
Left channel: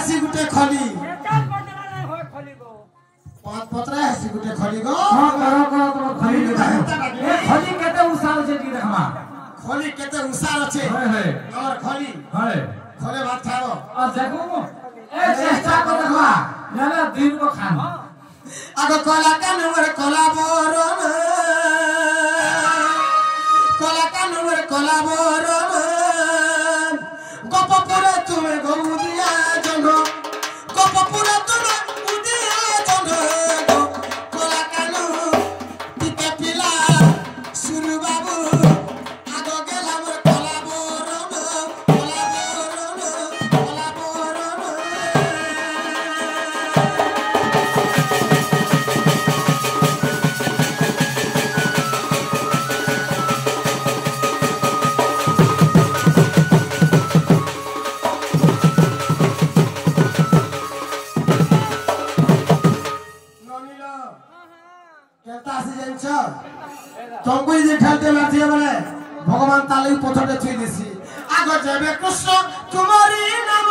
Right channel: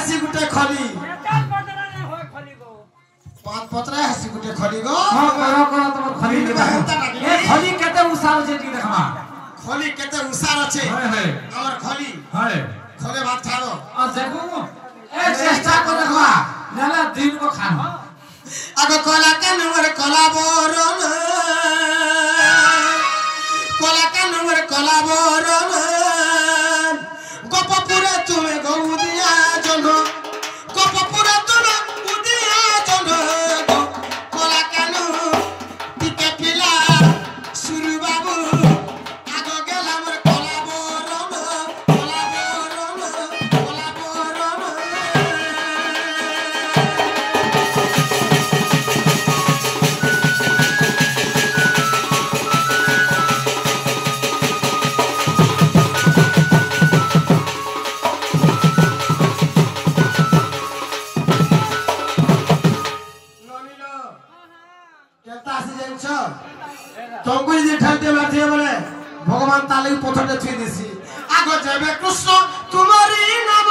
হেসি গুটে খলি এটার বদলা নাই হয় খলিগো পাঁচ পত্রা হেসি গুটে খলি গো তোমার খলি এ খলি কেতে উসার আছে টি দেখমা খলি কেতে উসার আছে আমার খলি খলে ভাত খাও আর দেখো এ চেষ্টা করে দেখমা নালে দিন কো খান আগ কলা কানুর কলা বরণ কলা কানুর কলা বরণ গোপপুরে তুমি গৌদিয়া জন গোপপুরে তুমি উদিয়া জন কলা কানু দিকে পিলা সুরু বাবু আগ গেলাম কলা বরণ কলা বরণ কলা বরণ तुमको ये ठाते मारती है बोले भगवान ताले पथर छुई देसी आगो जेबे कृष्ण तुम्हारी नाम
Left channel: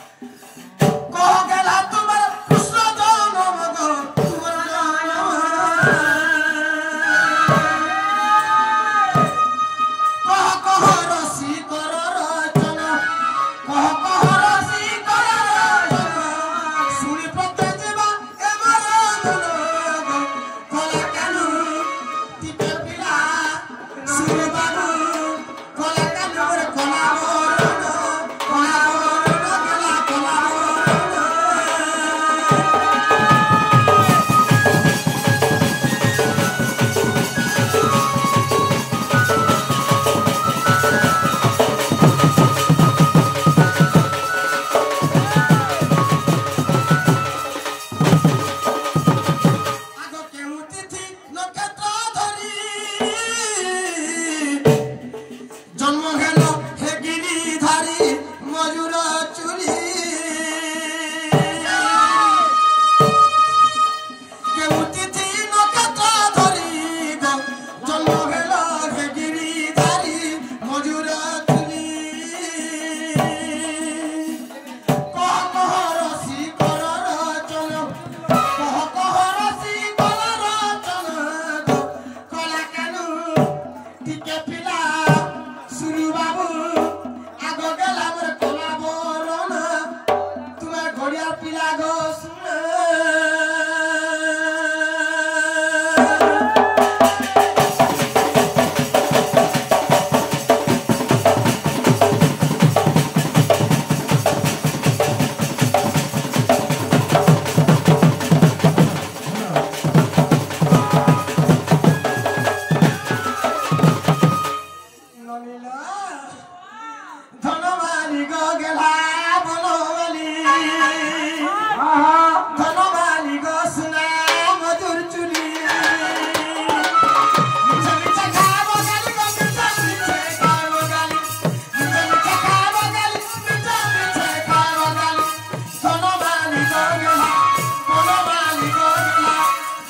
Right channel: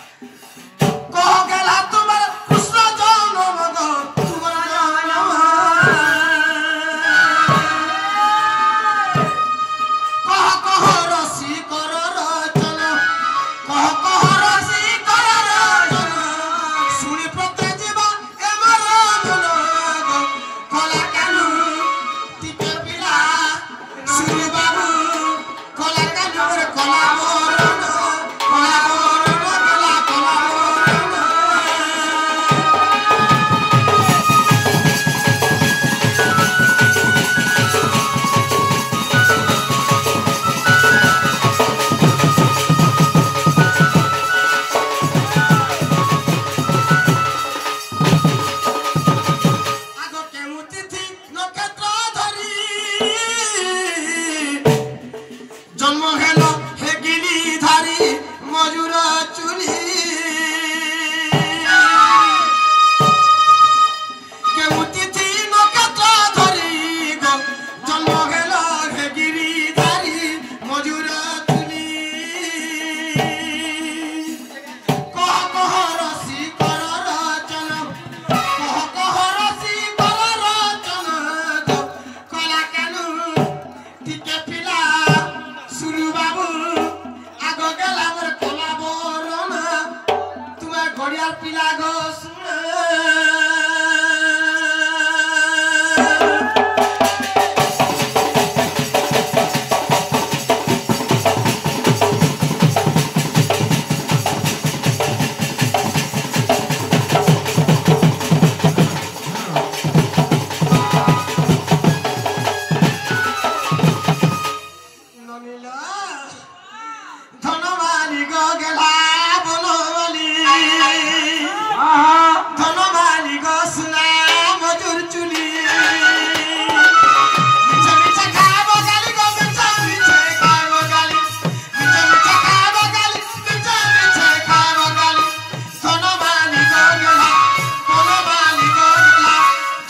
कह गेला तुम्हार कृष्ण जन्म गो तुम्हार जन्म कह रसी कर रचन कह रसी कर रचन শুনি প্রত্যে জীবা এমর মন কলা কানু টিকে পিলা সুর বাবু কলা কানুর কলা বরণ গেলা কলা বরণ আগ কেউ তিথি নক্ষত্র ধরি জন্ম হেল হে গিরিধারী মজুর চুরি কেউ তিথি নক্ষত্র ধরি জন্ম হেল হে গিরিধারী মজুর চুরি কহ রসি কর রচন কহ রসি কর রচন কলা কানু টিকে পিলা সুরু বাবু আগ গেলাম কলা বরণ তোমার ঘড়িয়াল পিলা গো শুন নমিলা ধনমালি গো গেলা বললি ধনমালি গো সুনা মধুর চুলি মিছে মিছে খাবো গালি গো মিছে মিছে খাবো গালি মিছে মিছে খাবো গালি মিছে মিছে খাবো গালি ধনমালি গো গেলা ধনমালি গো গেলা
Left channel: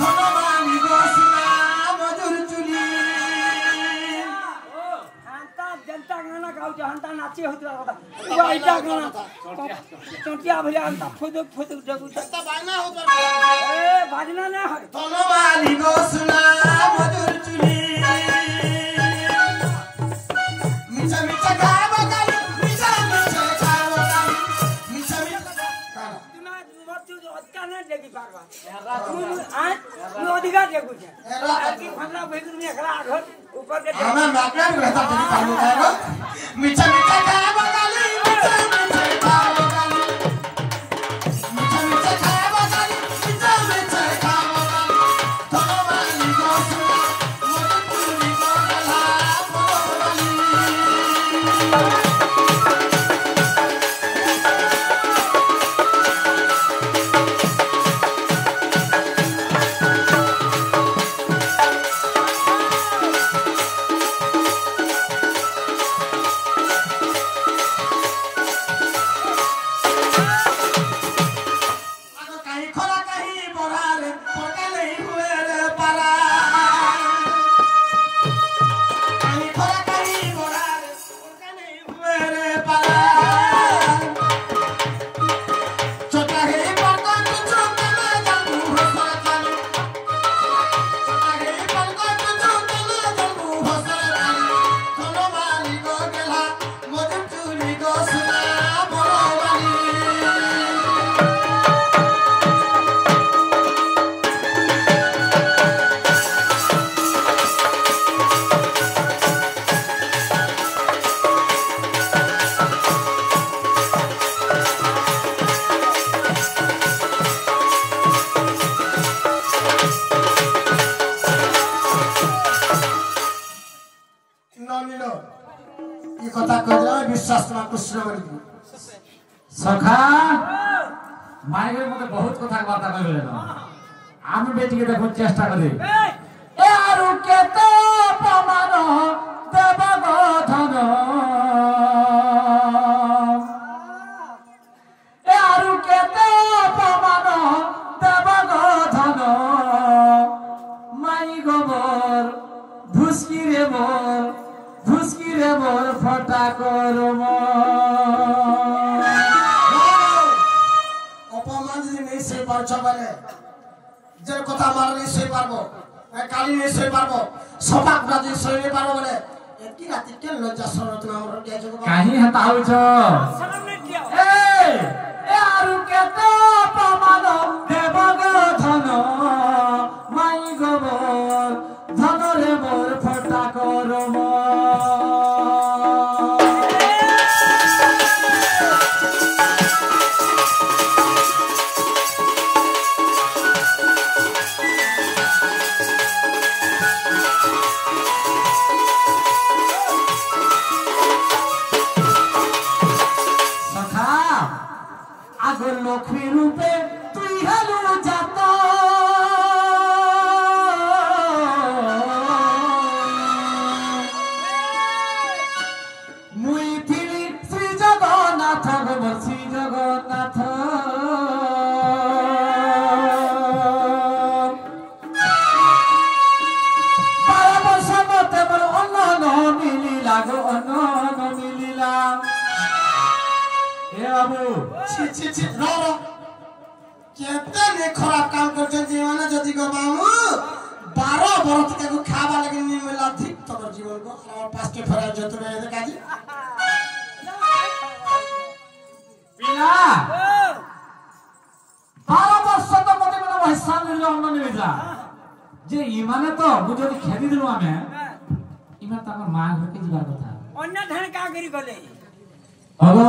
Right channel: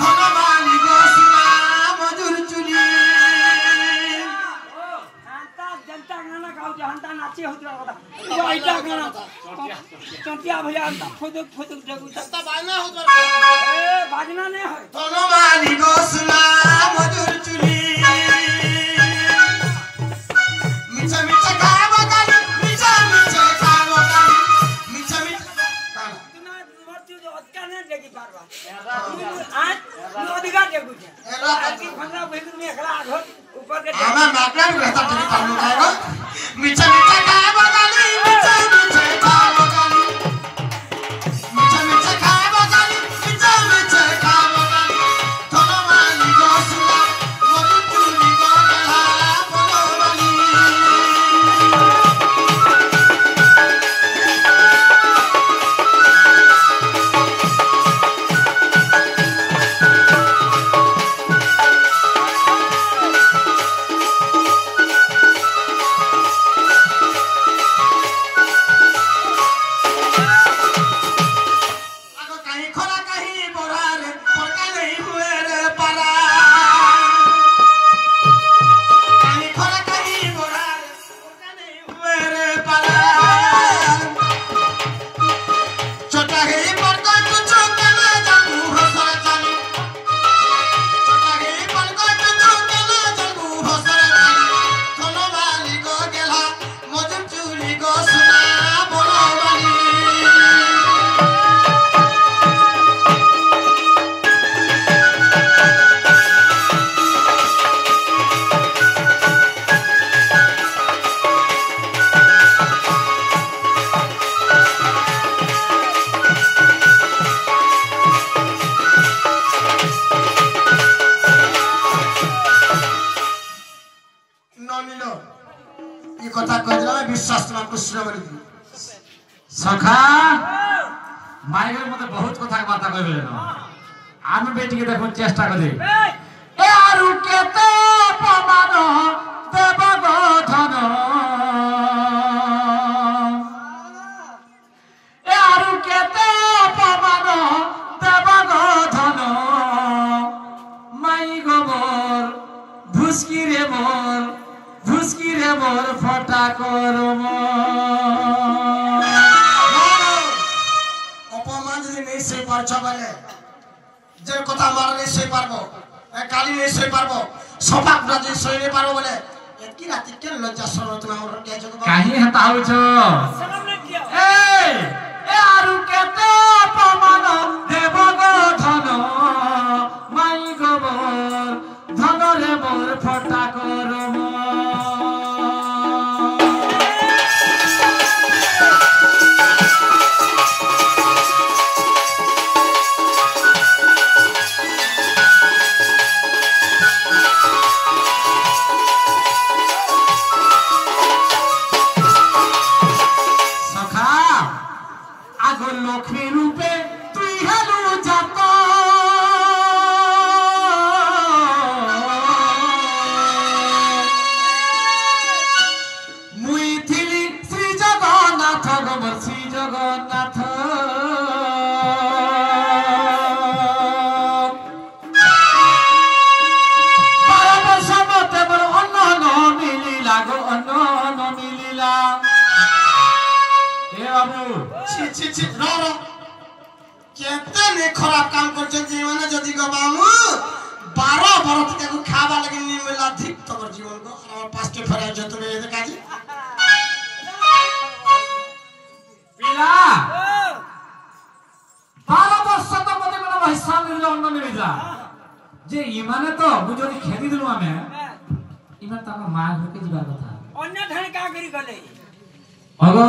ধনমালি গো সুনা মধুর চুলি হান্তা জনতা গানা গাউছে হান্তা নাচি হউতরা কথা এইটা গানা চন্টিয়া ভলিয়া হান্তা ফুদুক ফুদুক জগুছে তা বাইনা হতো এ বাজনা নে হয় ধনমালি গো সুনা মধুর চুলি মিছে মিছে খাবো গালি মিছে মিছে খাবো গালি মিছে মিছে কালা তুমি মরতি অতকানে দেখি পারবা তুই আজ তুই অধিকার দেখুছে আর কি ভাঙা বেগুন নিয়ে খেলা আঘ উপর কে আমার নাকড়ার ব্যথা তুমি কামু খাবো মিছে মিছে খাবো গালি মিছে মিছে খাবো গালি মিছে মিছে খাবো গালি মিছে মিছে খাবো গালি ধনমালি গো সুনা মধুর চুলি গো গেলা বললি ନନିଲ ଏ କଥା କହିଲା ବିଶ୍ୱାସ ନା କୃଷ୍ଣ ବୋଲି सखा माइक मते बहुत कथा बात कहबे न आमे बेटी के देखो चेष्टा करे ए आरु केते अपमान देव गो धन ए आरु केते अपमान देव गो धन माई गोबर भुसकी रे मोर फटा करम नहीं से पारछ बले जे कथा मार नहीं से पारबो ए काली नहीं से पारबो सफा कुरा जे से नहीं पारबो बोले एकी राती के लज्जा सरो तुम हमर के जग काहे हता हो छ शरम नहीं किया ए आरु केते अपमान देव गो धन माई गोबर धन रे मोर फटा करम लक्ष्मी रूपे तुई हेलु जात मुई थिली श्री जगन्नाथ गोबर श्री जगन्नाथ बाबा समते बर अन्न न मिलिला गो अन्न न मिलिला ए बाबू छी रो केते ने खराब काम करछन जे माने जदी गो बाबू 12 बरत के खाबा लगे नि मिला ठीक तोर जीवन को हमर पास्टे फरा जतने काजी पिला 12 वर्ष तो मते मला हिसाब मिलला अन्न मिलला जे इमाने तो बुझोनी खेदी दिलु आमे इमा ताका मां घर के जीवा कथा अन्य धन का करी गले अगो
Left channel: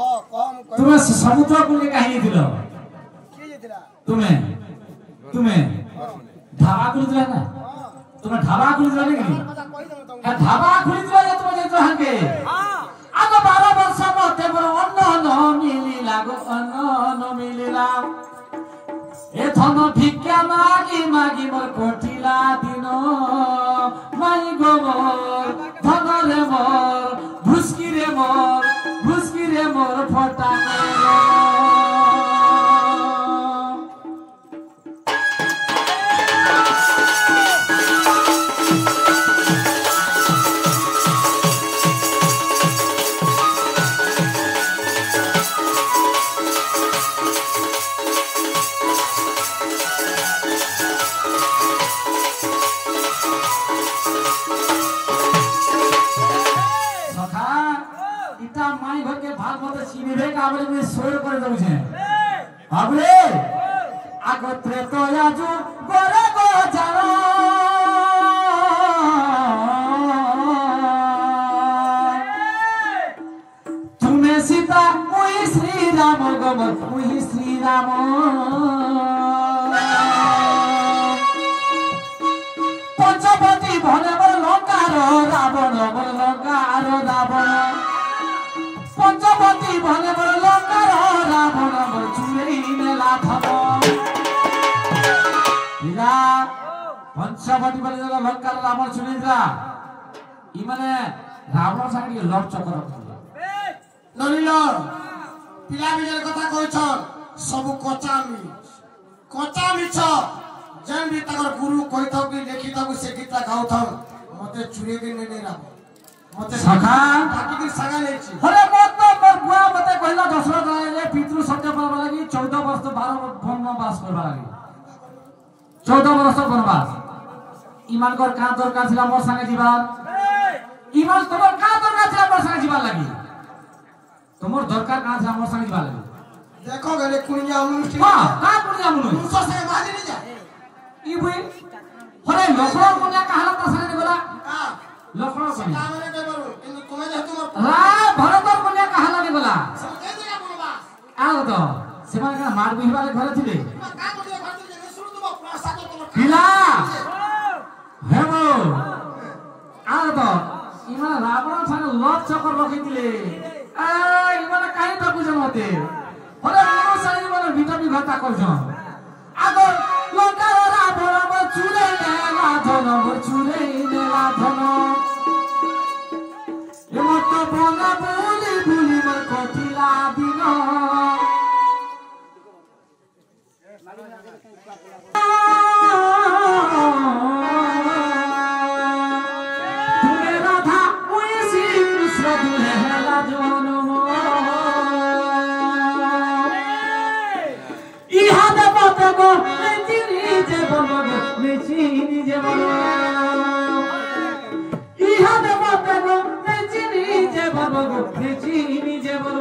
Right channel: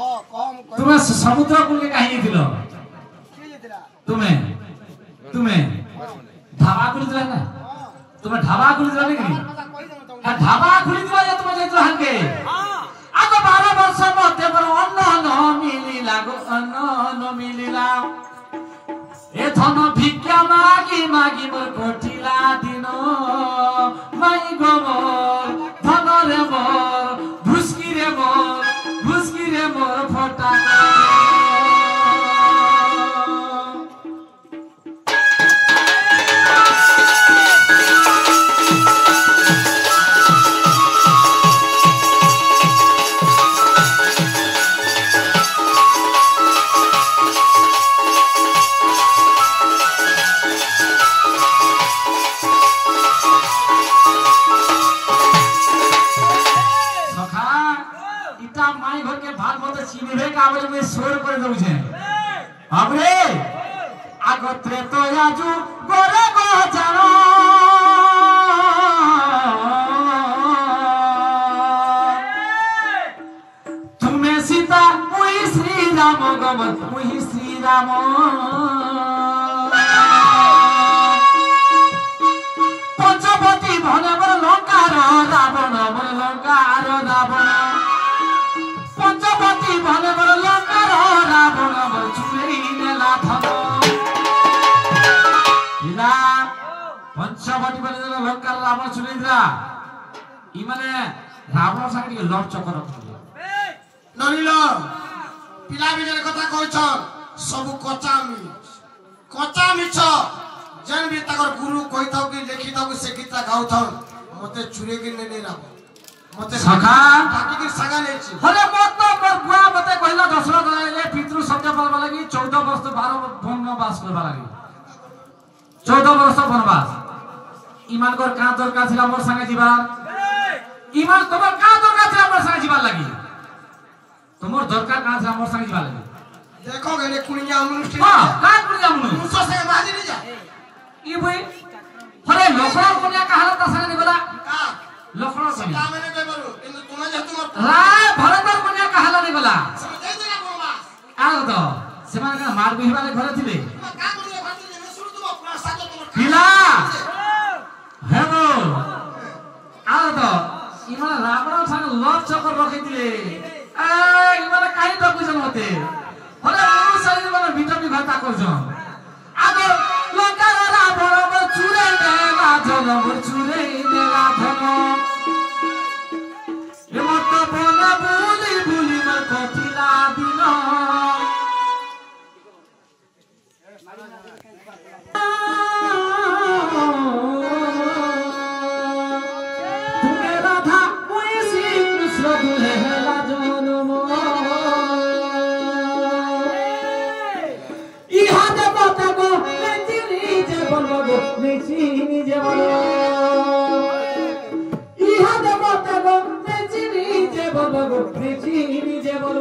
ओ कम तुम्हें समुद्र कूल के कहानी दिलो के जेतला तुम्हें ढाबा खुली दिला ना तुम्हें ढाबा खुली दिला नहीं ढाबा खुली दिला या तुम्हें जेतो हंके हां आगो 12 वर्ष मते पर अन्न न मिलिला गो अन्न न मिलिला ए धन भिक्षा मागी मागी मोर कोठिला दिनो माई गोबर धन रे मोर भुसकी रे मोर फटा माई घर के भाग मत चिनिबे काबले में सोर कर दउ छे हमरे आगो त्रेतो आजू गोरे गो जानो तुम्हें सीता मुई श्री राम गोबर मुई श्री राम पंचवटी भने बर लंकार रावण पंचवटी भने बर लंकार रावण चुरे नेला धन इला पंचवटी भने लंकार रावण चुरेन्द्रा इ माने रावण संगे लव चक्कर ननिलो पिला बिजर कथा कहछन सब कच्चा मिछ जन भी तकर गुरु कहिथौ कि लिखिथौ कि से गीता गाउथन मते चुरे के ने राव मते सखा बाकी के सगा नै छी हरे मत मोर बुआ मते कहला दशरथ राजाले पितृ सत्य पालबा लागि 14 वर्ष 12 वनवास करबा लागि 14 वर्ष वनवास ईमान कर का दरकार छिला मोर संगे जीवा ईमान तोर का दरकार छिला मोर संगे जीवा लागि तोर दरकार का छिला मोर संगे जीवा लागि देखो गने कुनिया अनुष्ठान हां का कुनिया मुनु मुसो से माजी नि जा ई बुई हरे लखनऊ कन्या का हालत संगे गला का लखनऊ कन्या का मैंने कह बरु किंतु तुम जे तुम राय भरतर कन्या का हालत गला समझे जरा बोलबा आलो तो सेमान का मार बिहवाले घरे थिले का बोले भाती जे सुरु तुम प्रसाद तुम पिला हेबो आलो तो ইমান রাবণ ঠানে লব চকর রখিলে ইমান কাই ঠকুছন মতে হলে মনুষ্য ইমান বিটবি ঘটা করছন আগো লঙ্কার রাবণ বল চুরে নেলা ধন বল চুরে নেলা ধন এমত বলা বুলি বুলি মন কঠিলা দিন তুমি রাধা ওই শ্রীকৃষ্ণ দুহেলা জনম ইহা দেবতা গো মেচিনি জীবন গো মেচিনি জীবন ইহা দেবতা গো মেচিনি জীবন গো মেচিনি জীবন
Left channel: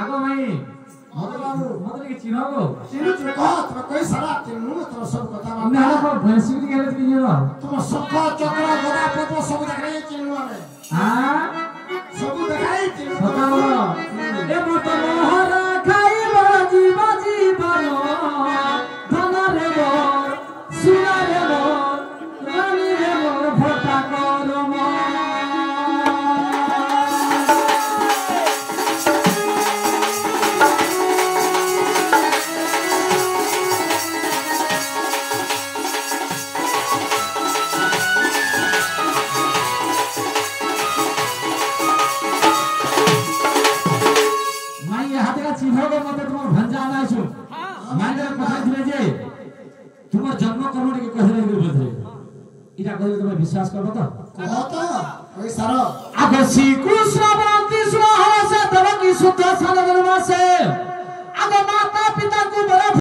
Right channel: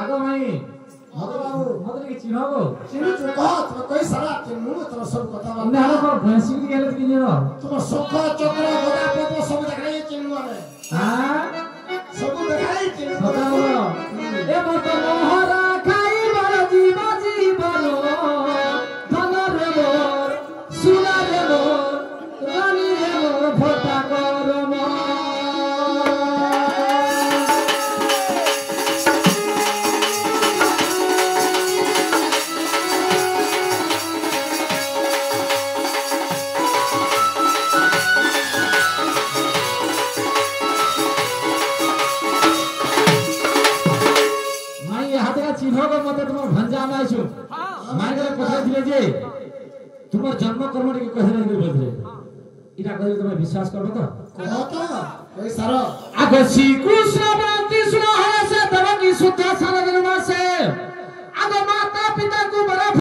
আগো ভাই মদকে চিনো গো চিনি তো তুমি কই সারা চিনু তোর সব কথা না গো ভেসি কি গেলে কি জানো তোর শঙ্খ চক্র গদা পদ্ম সব দেখাই চিনু আমি হ্যাঁ সব দেখাই চিনু কথা বলো এ মত মোহরা খাইবা জীব জীবন ধনরে মোর সুনারে মোর রানী রে মোর ভটা করম চিহ্নক মতে তোমার ভঞ্জা আনাইছো মাইনারে পথে দিলে যে তোমার জন্ম কর্মটি কহিলে বলতে এটা কইলে তুমি বিশ্বাস করবে তো কত কই সারা আগে শ্রীকৃষ্ণ বন্তি সুহরসে ধরণী শুদ্ধ সাধন মাসে আগে মাতা পিতা কু বড়